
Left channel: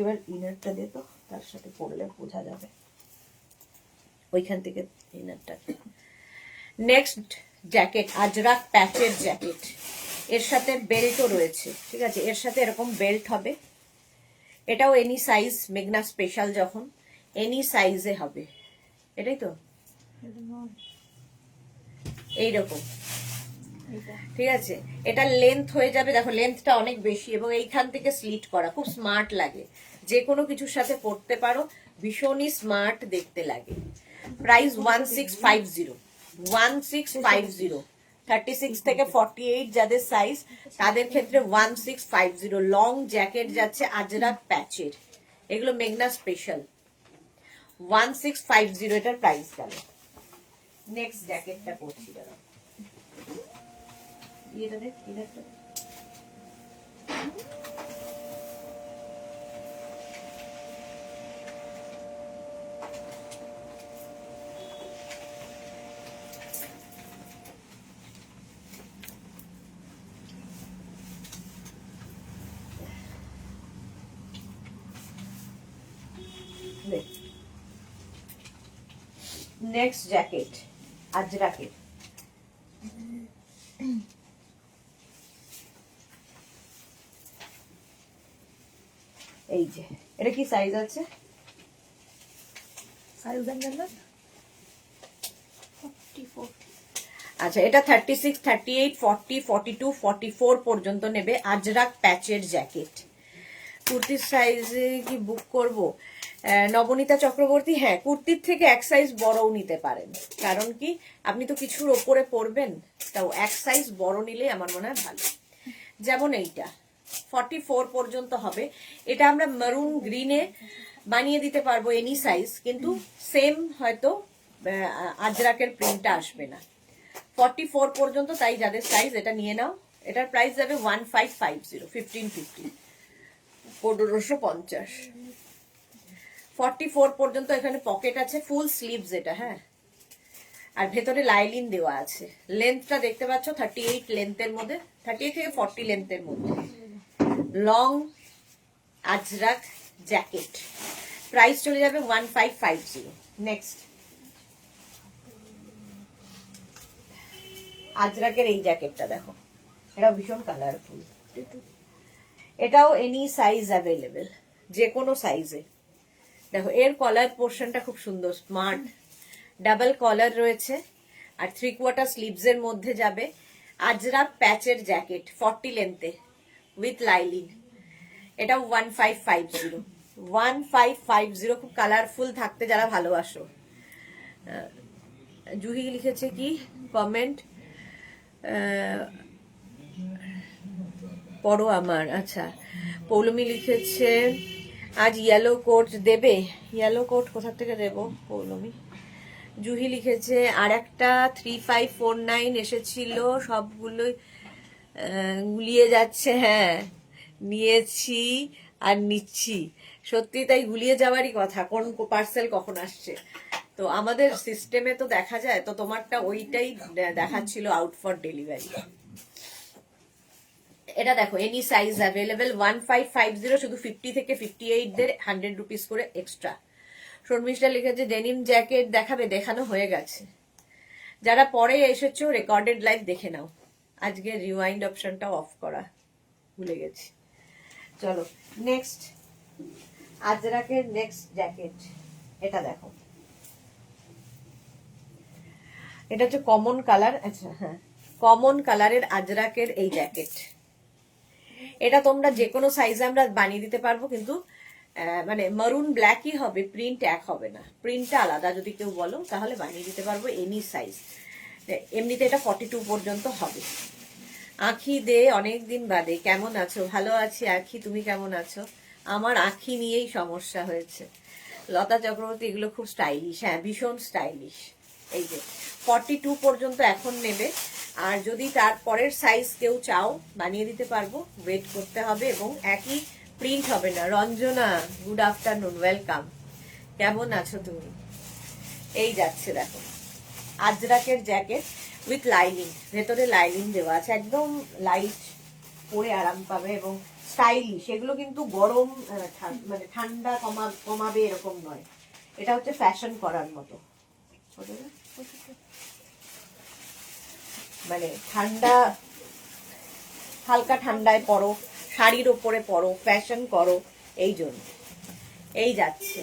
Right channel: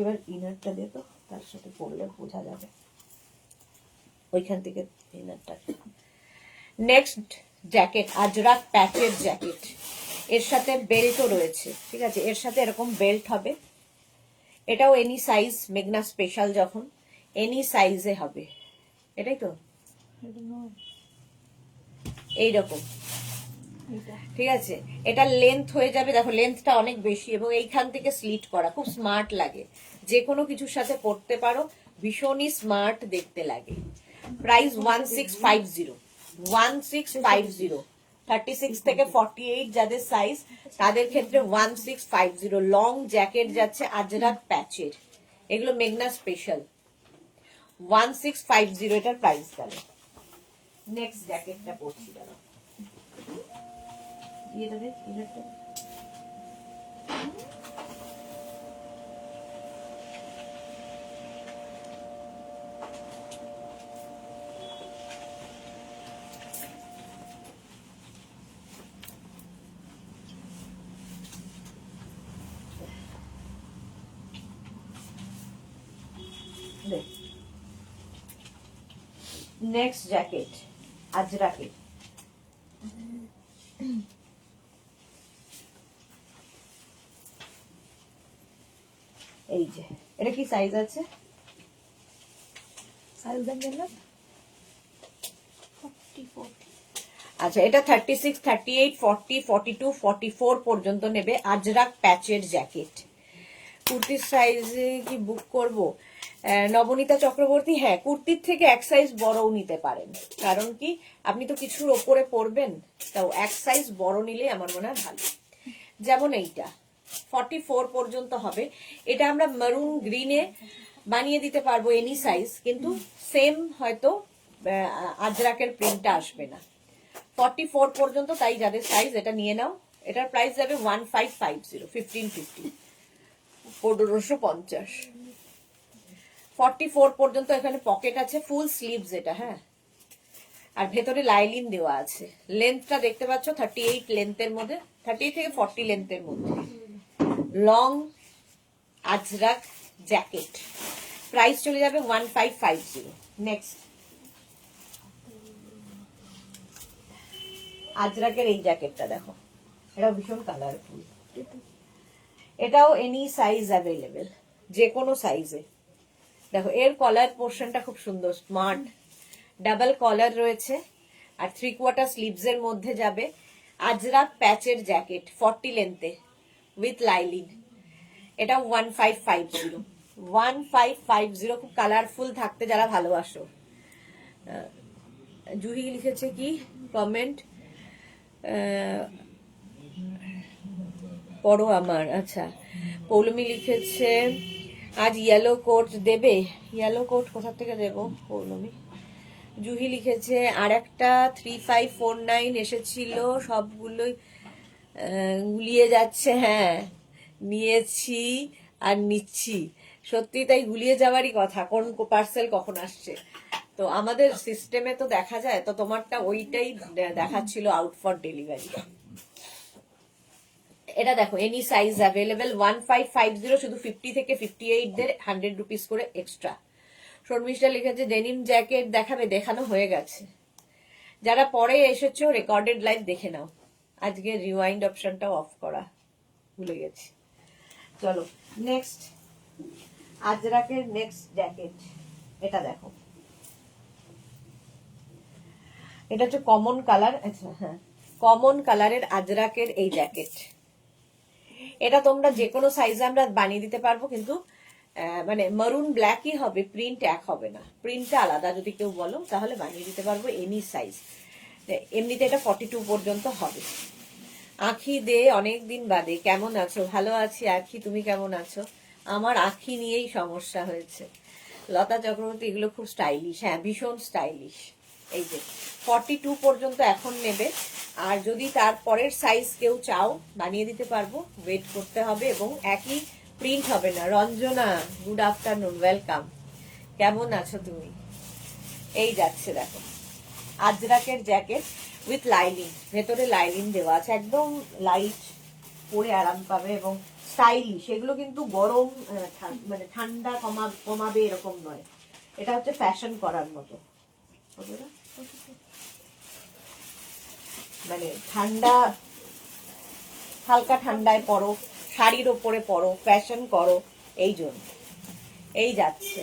এবার ইনারটা দে তো, তার সাথে পরলে বোঝা যাবে ওইখান থেকে ইনারটা। নেক্সট জ্যাকেট, আজরাক প্যাচের জ্যাকেট, এর সাথে বেল্টও রয়েছে, ঠিক আছে, এর সাথে এরকম বেল্ট হবে। এটাও এনি সাইজ, মেঘনা স্পেশাল যখন এনি সাইজে হবে, এটাই তো এইরকম, ঠিক আছে। এটা লেন্থ হয়ে যাবে, দেখো লেন্থটা অনেক বেশি, এবং এইখান থেকে স্লিট করা, খুব স্মার্ট লাগে, যে কোনো কিছুর সাথে পরতে পারো, ভীষণই স্মার্ট দেখতে লাগে। প্রাইস 1650, 1650। 36 থেকে 48 যাদের সাইজ তাদের ক্ষেত্রে 1650। লং জ্যাকেট যাচ্ছে আজরাক প্যাচের, এগুলো মেঘনা স্পেশাল। 1650 এটার প্রাইস গেল। নেক্সট জ্যাকেটটা পড়ছি, দাঁড়াও এটা দেখ, ইনারটা দেখ। নেক্সট জ্যাকেট আজরাকের, এই যে, এটা কি সাইজ আছে? সাইজ দেখবেন না, 44। আচ্ছা, এটা 36, 38, 40, 42, 44 পর্যন্ত নেবে। আজরাক প্যাচের জ্যাকেট। কুর্তির সাইজে কি বুক করব? নবনীতা চক্রবর্তী, হ্যাঁ কুর্তির থেকে এক সাইজ বড়ও নিতে পারেন, কারণ কি আপনি তো কিছুর ওপরে পরবেন, তাও এক সাইজ বড় নিলে আমার মনে হয় ভালো। যেমন এইটা 44 পর্যন্ত হবে, এটা আমরা মারুন গ্রিনে বানিয়ে দিতে পারবো এনি সাইজ, কিন্তু সেম হয়তো আজরাকের প্রিন্টটা আসবে না। 44 পর্যন্ত, তাই যাদের সাইজ এটা নিয়ে নাও। এটার প্রাইস যাবে 1550, 1550, 1550। 44 পর্যন্ত এখানে পকেট আছে, ফুল স্লিভস এটা, হ্যাঁ, আর ভেতরে লাইলিন দেওয়া আছে। লেন্থটা দেখতে পাচ্ছ 38 লেন্থের মধ্যে, 38 থেকে 40 লেন্থের মধ্যে, লং আজরাক জ্যাকেট। প্রাইস চলে যাবে 1550। নেক্সট আজরাকের এই জ্যাকেটটা দেখো, এটা ভীষণ কালারফুল, এটাও এনি সাইজ অ্যাভেলেবেল, যে কোনো সাইজে। দেখো এর কলার পোর্শনটা খুব সুন্দর, স্মার্ট, ডাবল কলার রয়েছে, আর 3/4 স্লিভস এর মধ্যে যাবে। আজরাক প্যাচের জ্যাকেট 40 লেন্থে উইথ লাইলিন, এটা 1550, 1550। খুব কালারফুল থাকতে যারা ভালোবাসো। জুহি লিখেছে কি কমেন্ট, পড়ো আমার। আচ্ছা, পৌলমি লিখেছে আজ ইয়েলো কোট দেবে। ইয়েলো কোট কোথা থেকে দেবো পৌলমি? জুহি লিখেছে আর একটা 3549 এসেছিল, সবগুলোই গুলিয়ে যাচ্ছে। হ্যাঁ, নিয়েছি আর নিচ্ছি, সত্যি তাই, গুলিয়ে যাওয়ারই কথা, কোন পার্সেল কখন আসছে। তো আমাদের সিস্টেমে তো দেখা যায়, তো তোমারটা ওইটাই দেখাচ্ছিল আউট ফর ডেলিভারি। এটা দেখো এনি সাইজ অ্যাভেলেবেল, 1550, শুধু 50 থেকে 58 দের 100 রুপিস করে এক্সট্রা। শর্মিষ্ঠা লিখেছে ডেনিম জ্যাকেট দেখাবে, দেখানো হয়ে গেছে। যারা পরে এসেছো রেকর্ডেড লাইভ দেখে নাও, আজকে রিওয়াইন্ড অপশনটাও অফ করা ভুলে গেছি। চলো নেক্সট, আজরাকের নেক্সট জ্যাকেট, এটা দেখো, এটা হচ্ছে কমন কালার। আচ্ছা হ্যাঁ, কমন কালারের আজরাকের এই জ্যাকেট, এটা তোমরা যে কোনো সাইজে আমরা বানিয়ে দিতে পারবো, কিন্তু মানে মারুন ব্ল্যাকই হবে, প্রিন্ট এক হবে না, প্রিন্টটা আলাদা যদি কেউ বলো তাহলে বানিয়ে দিতে পারবো এনি সাইজ। এমনিতে এটা 42 পর্যন্ত হবে। আখি দে অনেক দিন বাদে, কেমন আছো? ভালো আছি আখি, তুমি কেমন আছো? আমার আখি নিয়েই সমস্যা হয়েছে। লতা চক্রবর্তী, এগুলো খুব স্টাইলিশ, হ্যাঁ ভীষণ স্টাইলিশ। এই যে 42 পর্যন্ত এখন নেবে, আর যদি তারপরের সাইজ কেউ চাও বানিয়ে দিতে পারবো, ওয়েট করতে হবে, এবং একই প্রিন্ট হবে না। রঞ্জনা, গুড আফটারনুন, ওয়েলকাম, কেমন আছো তুমি? এই যাচ্ছে দেখো আজরাকের জ্যাকেট উইথ লাইনিং, ভেতরে লাইনিং দেওয়া আছে, একদম লাইট, পরে আরাম পাবে এবং স্টাইলিশ। এগুলো কিন্তু গরম মানে ঠান্ডা কমাবে এরকম নয়, এটা হচ্ছে ফ্যাশন করার মতো, মানে ঠান্ডা, হালকা ঠান্ডায় পরো, শাড়ির ওপরে পরো, ফ্যাশন করো, এই জন্য। এই যাচ্ছে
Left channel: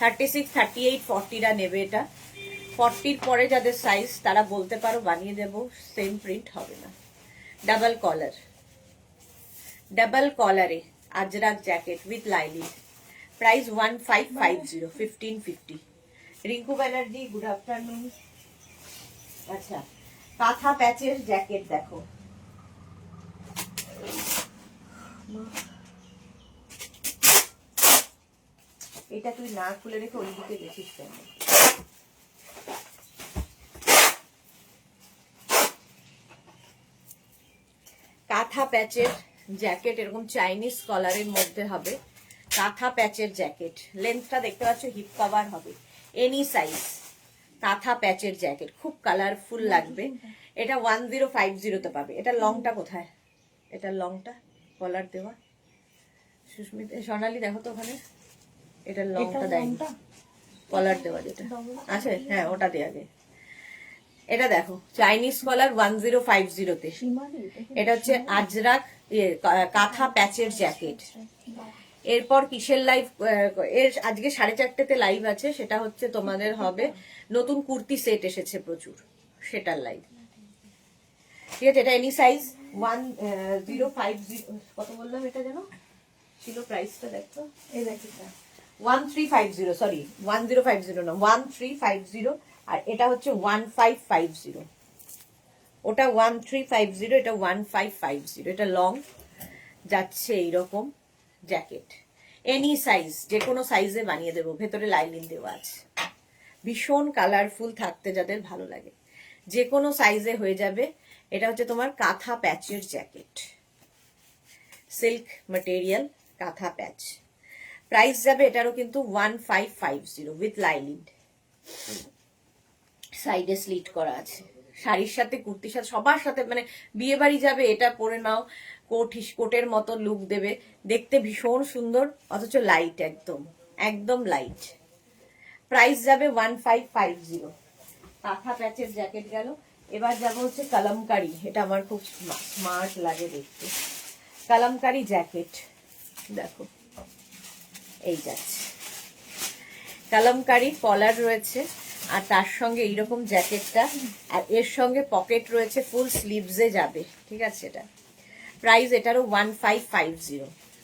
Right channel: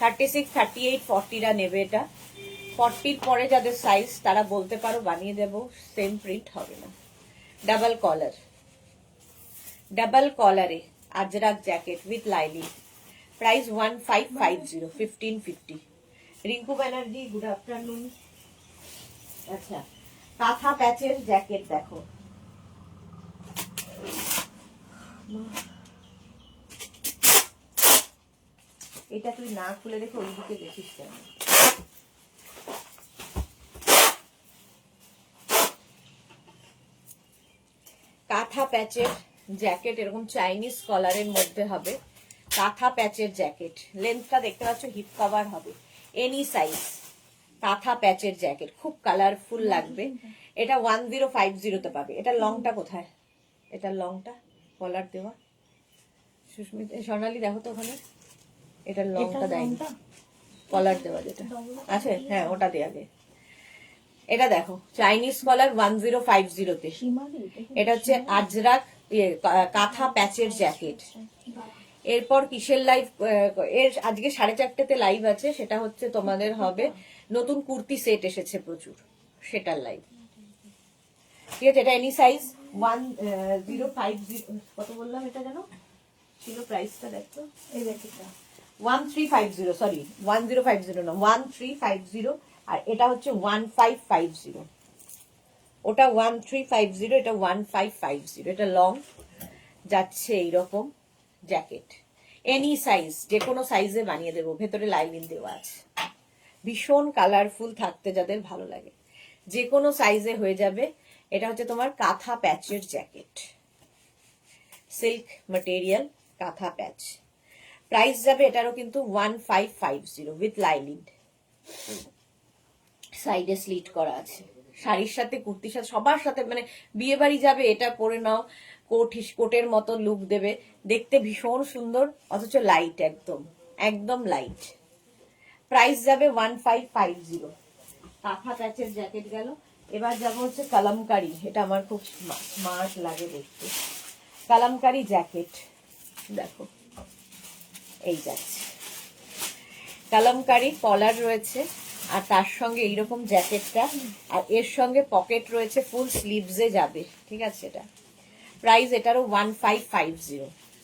36, 38, 40রা নেবে এটা। 40-র পরে যাদের সাইজ তারা বলতে পারো, বানিয়ে দেবো, সেম প্রিন্ট হবে না। ডাবল কলার, ডাবল কলারে Ajrak jacket with lining, price 1550, 1550। Rinku Banerjee, good afternoon. আচ্ছা, কাঁথা প্যাচের জ্যাকেট দেখো, এটা তুই না খুলে রেখে ওইদিকে গেছিস কেন? কাঁথা প্যাচের জ্যাকেট, এরকম চাইনিজ কলারের মধ্যে হবে, কাঁথা প্যাচের জ্যাকেট। লেন্থটা দেখতে পাচ্ছ, হিপ কভার হবে, এনি সাইজ। কাঁথা প্যাচের জ্যাকেট খুব কালারফুল লাগবে। এটা 1050-তে পাবে। এটা লংটা কোথায়? এটা লংটা কলার দেওয়া, সুস্মিতা সোনালি দেখো তো ওখানে, এটা লংটা দেয়নি, কলার দেওয়া যেটা আছে, হ্যাঁ ওটা দেওয়া যায়। এটা দেখো চাইনিজ কলার 1050-তে, এটা হচ্ছে আজরাক কাঁথা প্যাচের জ্যাকেট। এরপর কিসের লাইভ? এর আজকে 4:30তে লাইভ আছে, সেটা হচ্ছে তোমাদের হবে নতুন কুর্তি সেট এসেছে প্রচুর, সেটার লাইভ। ঠিক আছে, এটা এনি সাইজ 1050, কত বললাম এটা যেন ছিল প্রাইসটা, দেখো এই জ্যাকেটটা 1350, সরি 1050 না, 1350, আর এটা হচ্ছে 1550। ওটা 1350, এটা 1550। এটা লং যাচ্ছে এইরকম জ্যাকেট, এনি সাইজ, যে কোনো সাইজে বানিয়ে দেবো, ভেতরে লাইনিং দেওয়া আছে। ভীষণ কালারফুল থাকতে যাদের ভালো লাগে, যে কোনো সাইজে হয়ে যাবে। এটা হচ্ছে তোমার কাঁথা প্যাচের জ্যাকেট, সিল্ক ম্যাটেরিয়াল, কাঁথা প্যাচ। প্রাইস যাবে এটারও কিন্তু 1550 উইথ লাইনিং। সাইডে স্লিট করা আছে, শাড়ির সাথে, কুর্তির সাথে, সবার সাথে, মানে বিয়ে বাড়ি যাবে এটা পরে নাও, কোটের মতো লুক দেবে, দেখতে ভীষণ সুন্দর, অথচ লাইট, একদম একদম লাইট। প্রাইস যাবে 1550। কাঁথা প্যাচের জ্যাকেট গেল। এবার যাব হচ্ছে কালামকারি। এটা আমার খুব স্মার্ট লাগে দেখতে, কালামকারি জ্যাকেট। দেখো এই যাচ্ছে কালামকারি, কলার রয়েছে, আর তার সঙ্গে এইরকম জ্যাকেটটা, আর এর সঙ্গে পকেট রয়েছে, ফুল স্লিভসে যাবে, ঠিক আছে। এটা প্রাইস এটারও 1550।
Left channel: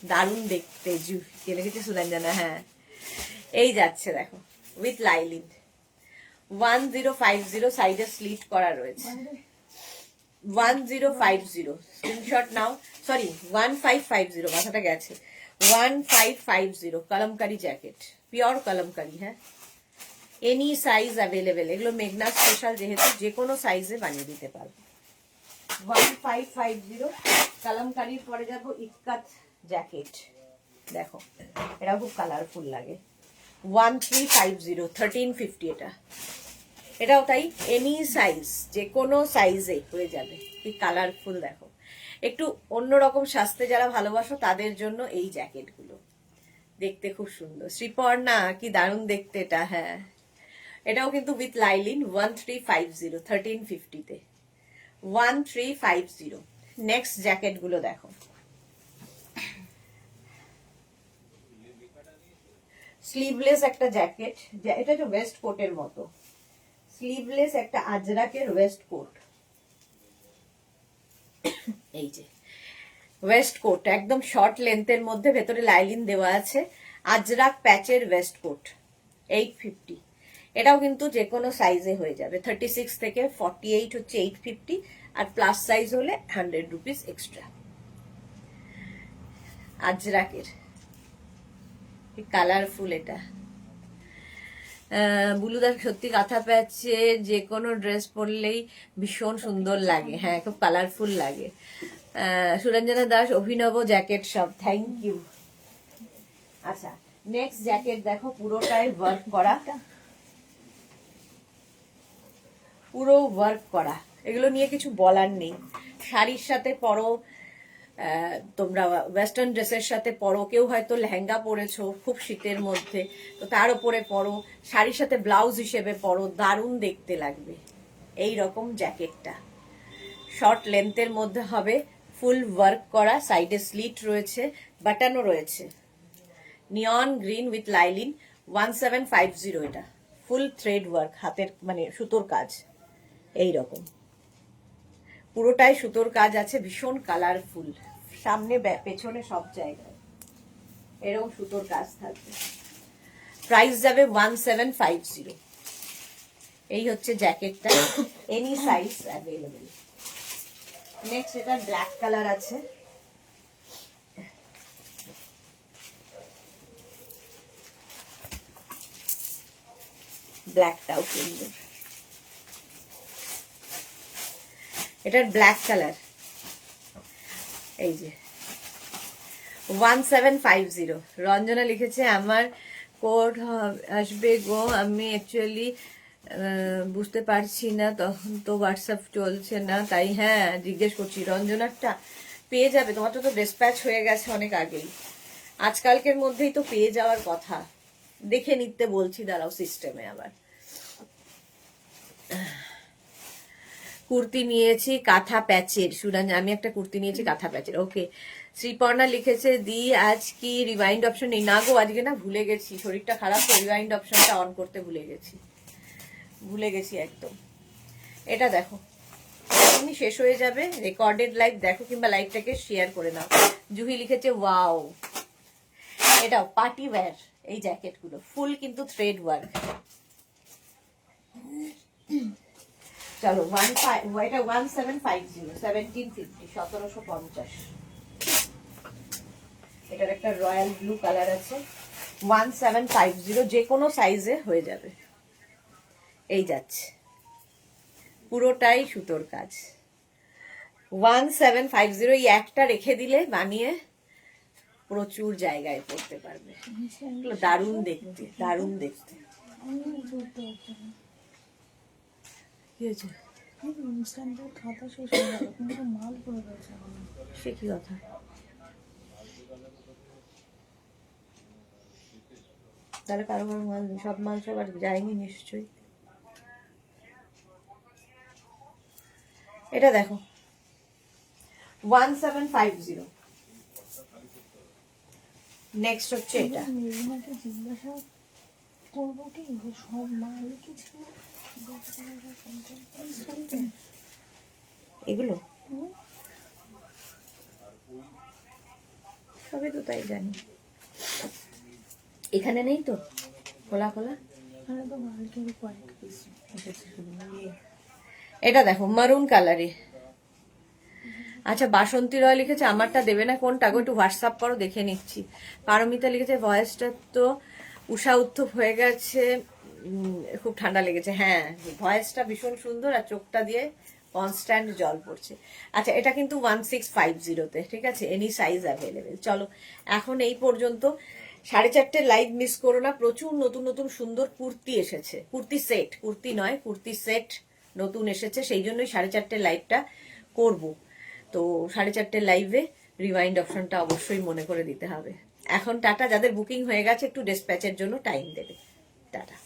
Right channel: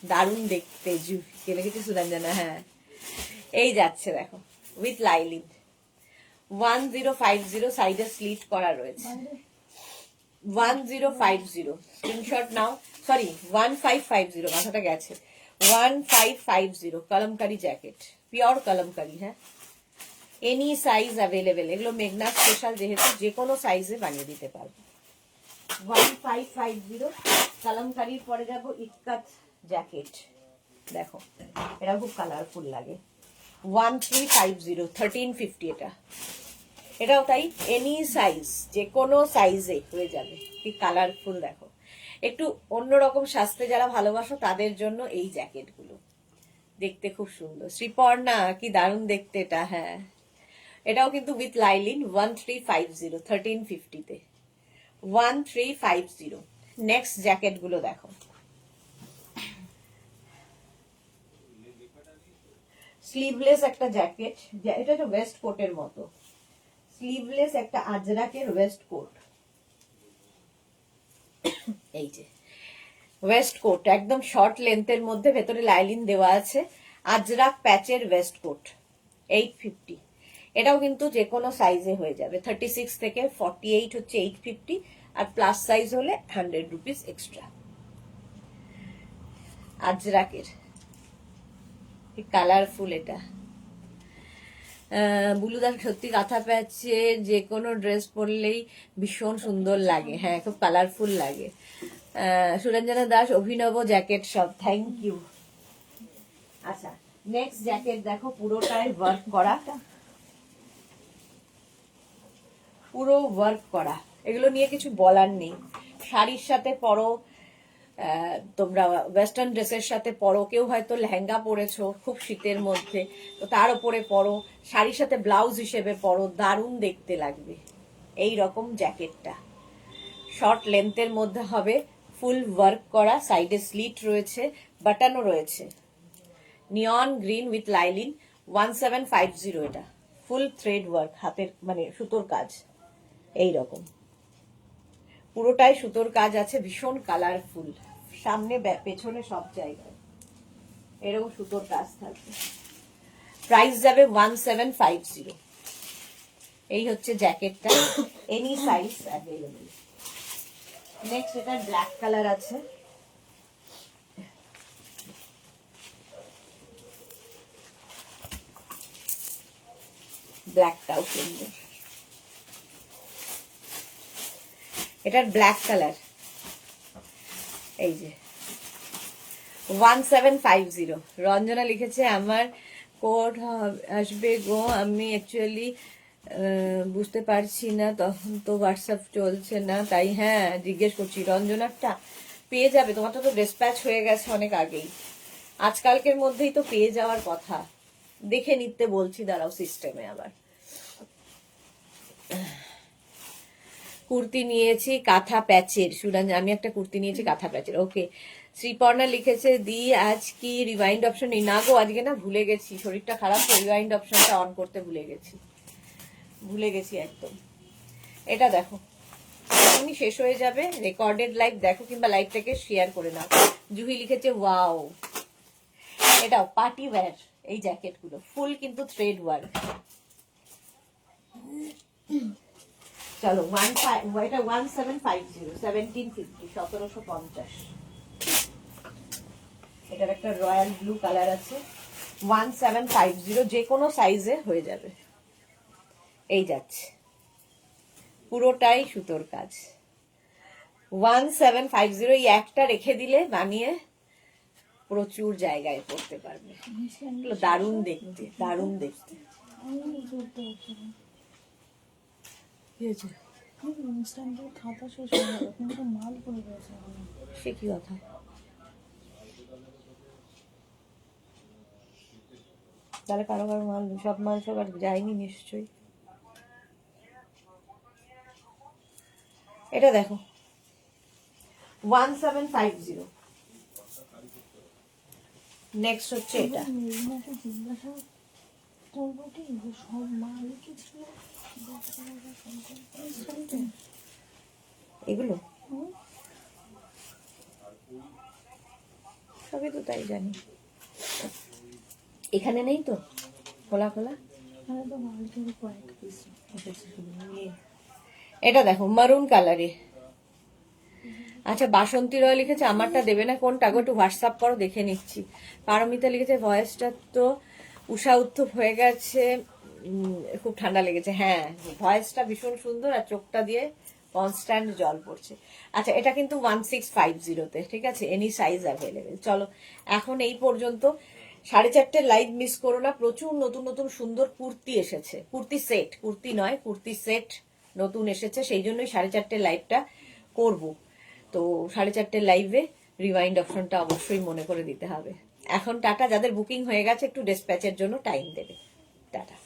দারুণ দেখতে, দেখেছি সুরঞ্জনা, হ্যাঁ এই যাচ্ছে দেখো উইথ লাইনিং। 1050, সাইডে স্লিট করা রয়েছে। 1050 স্ক্রিনশট নাও, সরি 1550, মাথাটা গেছে। 1550 কালামকারি জ্যাকেট, পিওর কালামকারি, হ্যাঁ এনি সাইজ অ্যাভেলেবেল। এগুলো মেঘনা স্পেশাল, যেহেতু যে কোনো সাইজে বানিয়ে দিতে পারবে। 1550 কালামকারির। পরে যাব ইক্কাত জ্যাকেট, দেখো এটা খুব কালারফুল লাগে। 1350, 1350 এটাও তাই, এনি সাইজ, যে কোনো সাইজে হয়ে যাবে। কি কালারফুল দেখো, একটু অন্যরকম সাজতে যারা ভালোবাসো তাদের জন্য এই জ্যাকেটগুলো, দেখতে খুব সুন্দর। শ্রীপর্ণা, কি দারুণ দেখতে এটা, হ্যাঁ এটাও কিন্তু উইথ লাইনিং। 1350, 1350-তে 1350। নেক্সট জ্যাকেট গুলো দেখো, স্লিভলেস একটা জ্যাকেট, এটা তো ওয়েস্ট কোটের মতো, স্লিভলেস একটা আজরাকের ওয়েস্ট কোট। এই যে ওয়েস্ট কোট, একদম শর্ট লেন্থের মধ্যে, ভেতরে লাইনিং দেওয়া আছে, আজরাক প্যাচের ওয়েস্ট কোট, 850। এটাও কিন্তু যে কোনো সাইজে হয়ে যাবে। 36 থেকে 48 হচ্ছে 850, আর প্লাস সাইজ হলে 100 রুপিস এক্সট্রা। আজরাকের, কি কালারফুল এটা। বুলুদার সত্যি কাঁথা প্যাচে যে কোনো ড্রেস পরলেই ভীষণ সুন্দর লাগে, হ্যাঁ খুব কালারফুল লাগে। সুরঞ্জনা দাস, অভিনব জ্যাকেট সব, থ্যাংক ইউ। আচ্ছা নেক্সট জ্যাকেট দেখো, পুরোটাই ওয়ার্ক করা, পুরো ওয়ার্ক করা। এগুলো নিয়ে কিছু বলার নেই, শাড়ির সাথে পরো, তোমরা ওয়েস্টার্ন ড্রেসের সাথে পরো, কেউ হয়তো লেহেঙ্গা পরেছো খুব শীতের মধ্যে, তো তার উপরে পরো, শাড়ির সাথে ব্লাউজ হিসেবে পরো, দারুণ দেখতে লাগবে। এই রকম জ্যাকেটটা শর্ট লেন্থের মধ্যে হবে, ফুল ওয়ার্ক করা, সাইডে স্লিট রয়েছে, বাটনও রয়েছে, নিয়ন গ্রিন উইথ লাইনিং। 1750 এটা, ফুল থ্রেড ওয়ার্ক, হাতের মানে সুতোর কাজ, এই রকম পুরোটাই সুতোর কাজ আছে, ভীষণ কালারফুল, সামনে পেছনে সব জায়গায় এরকম সুতোর কাজ থাকবে। প্রাইস যাবে 1750। এই হচ্ছে জ্যাকেটটা, এনি সাইজ অ্যাভেলেবেল। নেক্সট এটা ব্ল্যাক কালার আছে, ব্ল্যাকটাও সুন্দর, এটার ব্ল্যাক কালার। এই যে 1750। রঞ্জনা লিখেছে আমার কোড আসবে গো, আমি অ্যাকচুয়ালি বুঝতে পারছি না, তখন তো হোয়াটসঅ্যাপ চলছে না, তাই হ্যাঁ জিজ্ঞেস করছি। রঞ্জনারটা পেয়ে যাবে, তোমার তো ডিসপ্যাচ হয়ে গেছে অনেক আগেই, আজকালকের মধ্যেই তো পেয়ে যাওয়ার কথা, দেখে নিতে বলছি, দাঁড়াও সিস্টেমে আবার। কুর্তি নিয়েছি কাঁথা প্যাচের, সুরাঞ্জ আমি একটা কুর্তি নিয়েছি কাঁথা প্যাচের, ওকে। শ্রীপর্ণা লিখেছে দি আজ কি রিওয়াইন্ড অপশন নেই? না গো, আজকে না ভুলে গেছি, শরীরটা খারাপ, তো রিওয়াইন্ড অপশনটা অন করতে ভুলে গেছি একদম। এটা দেখো, এখনই শেষ হয়ে যাবে, রেকর্ডেড লাইভ দেখো, কিংবা লাইভটাকে শেয়ার করে নাও। জুহি লিখেছে ওয়াও, এটাও পার্টি ওয়্যার, এই জ্যাকেট গুলো ফুল কিন্তু থ্রেড ওয়ার্ক। চলো এটা 1750 1750 1750। এটার একটা রয়্যাল ব্লু কালার আছে, 1750, যে কোনো সাইজে হয়ে যাবে। এই যাচ্ছে, পুরোটাই সুতোর কাজ। 1750, এই একটা রেখে দিলে বানিয়ে প্রচুর জায়গায় পড়তে পারবে। এগুলো দারুণ দেখতে, দারুণ দেখতে। কি হয়েছে? খাতা শেষ হয়ে গেল, কিন্তু মাল পড়ে রয়েছে। সে কি কথা? তাহলে কারো কারো মাল, সব মাল সব আর যায়নি নিশ্চয়ই। এটা দেখো 1750। নেক্সট হচ্ছে এটা। মেরিনাকে জিজ্ঞাসা করবো কি যে সব মাল কি ছিল এগুলো সবই তো তাই জানি। এখানে নেই তো খোলা খোলা? এখানে তো মালকের কয়েক পিস। এটা দেখো মারুন কালারে। আচ্ছা, বাসন্তী রয় লিখেছে, আমারটা দেবে না কোনটা গো? একটু হোয়াটসঅ্যাপ করো, দেখে নিচ্ছি। পারমিতা লিখেছে ভয়েসটা তো উষা উত্থপ হয়ে গেছে, খুব ঠান্ডা লেগেছে। হ্যাঁ, ভয়েসটা ভীষণ সুন্দর, আর চোখটা দিয়ে কনস্ট্যান্ট জল পড়ছে। আচ্ছা, এটা কিন্তু 1650-তে, ঠিক আছে, এনি সাইজ অ্যাভেলেবেল। চলো এখন এই পর্যন্ত। 4:30 লাইভ মিস করো না, প্রচুর নতুন নতুন সুন্দর কুর্তি এসেছে, কুর্তি সেট, কুর্তি নয় কুর্তি সেট নতুন এসেছে, সেই জন্যই 4:30 লাইভটা করব। তো 4:30 লাইভে রিওয়াইন্ড অপশনটা অবশ্যই মনে করে দিতে হবে। এখন টাটা, যাদের বুকিং হয়ে গেছে একটু ডিসপ্যাচের জন্য টাইম দেবে। টাটা।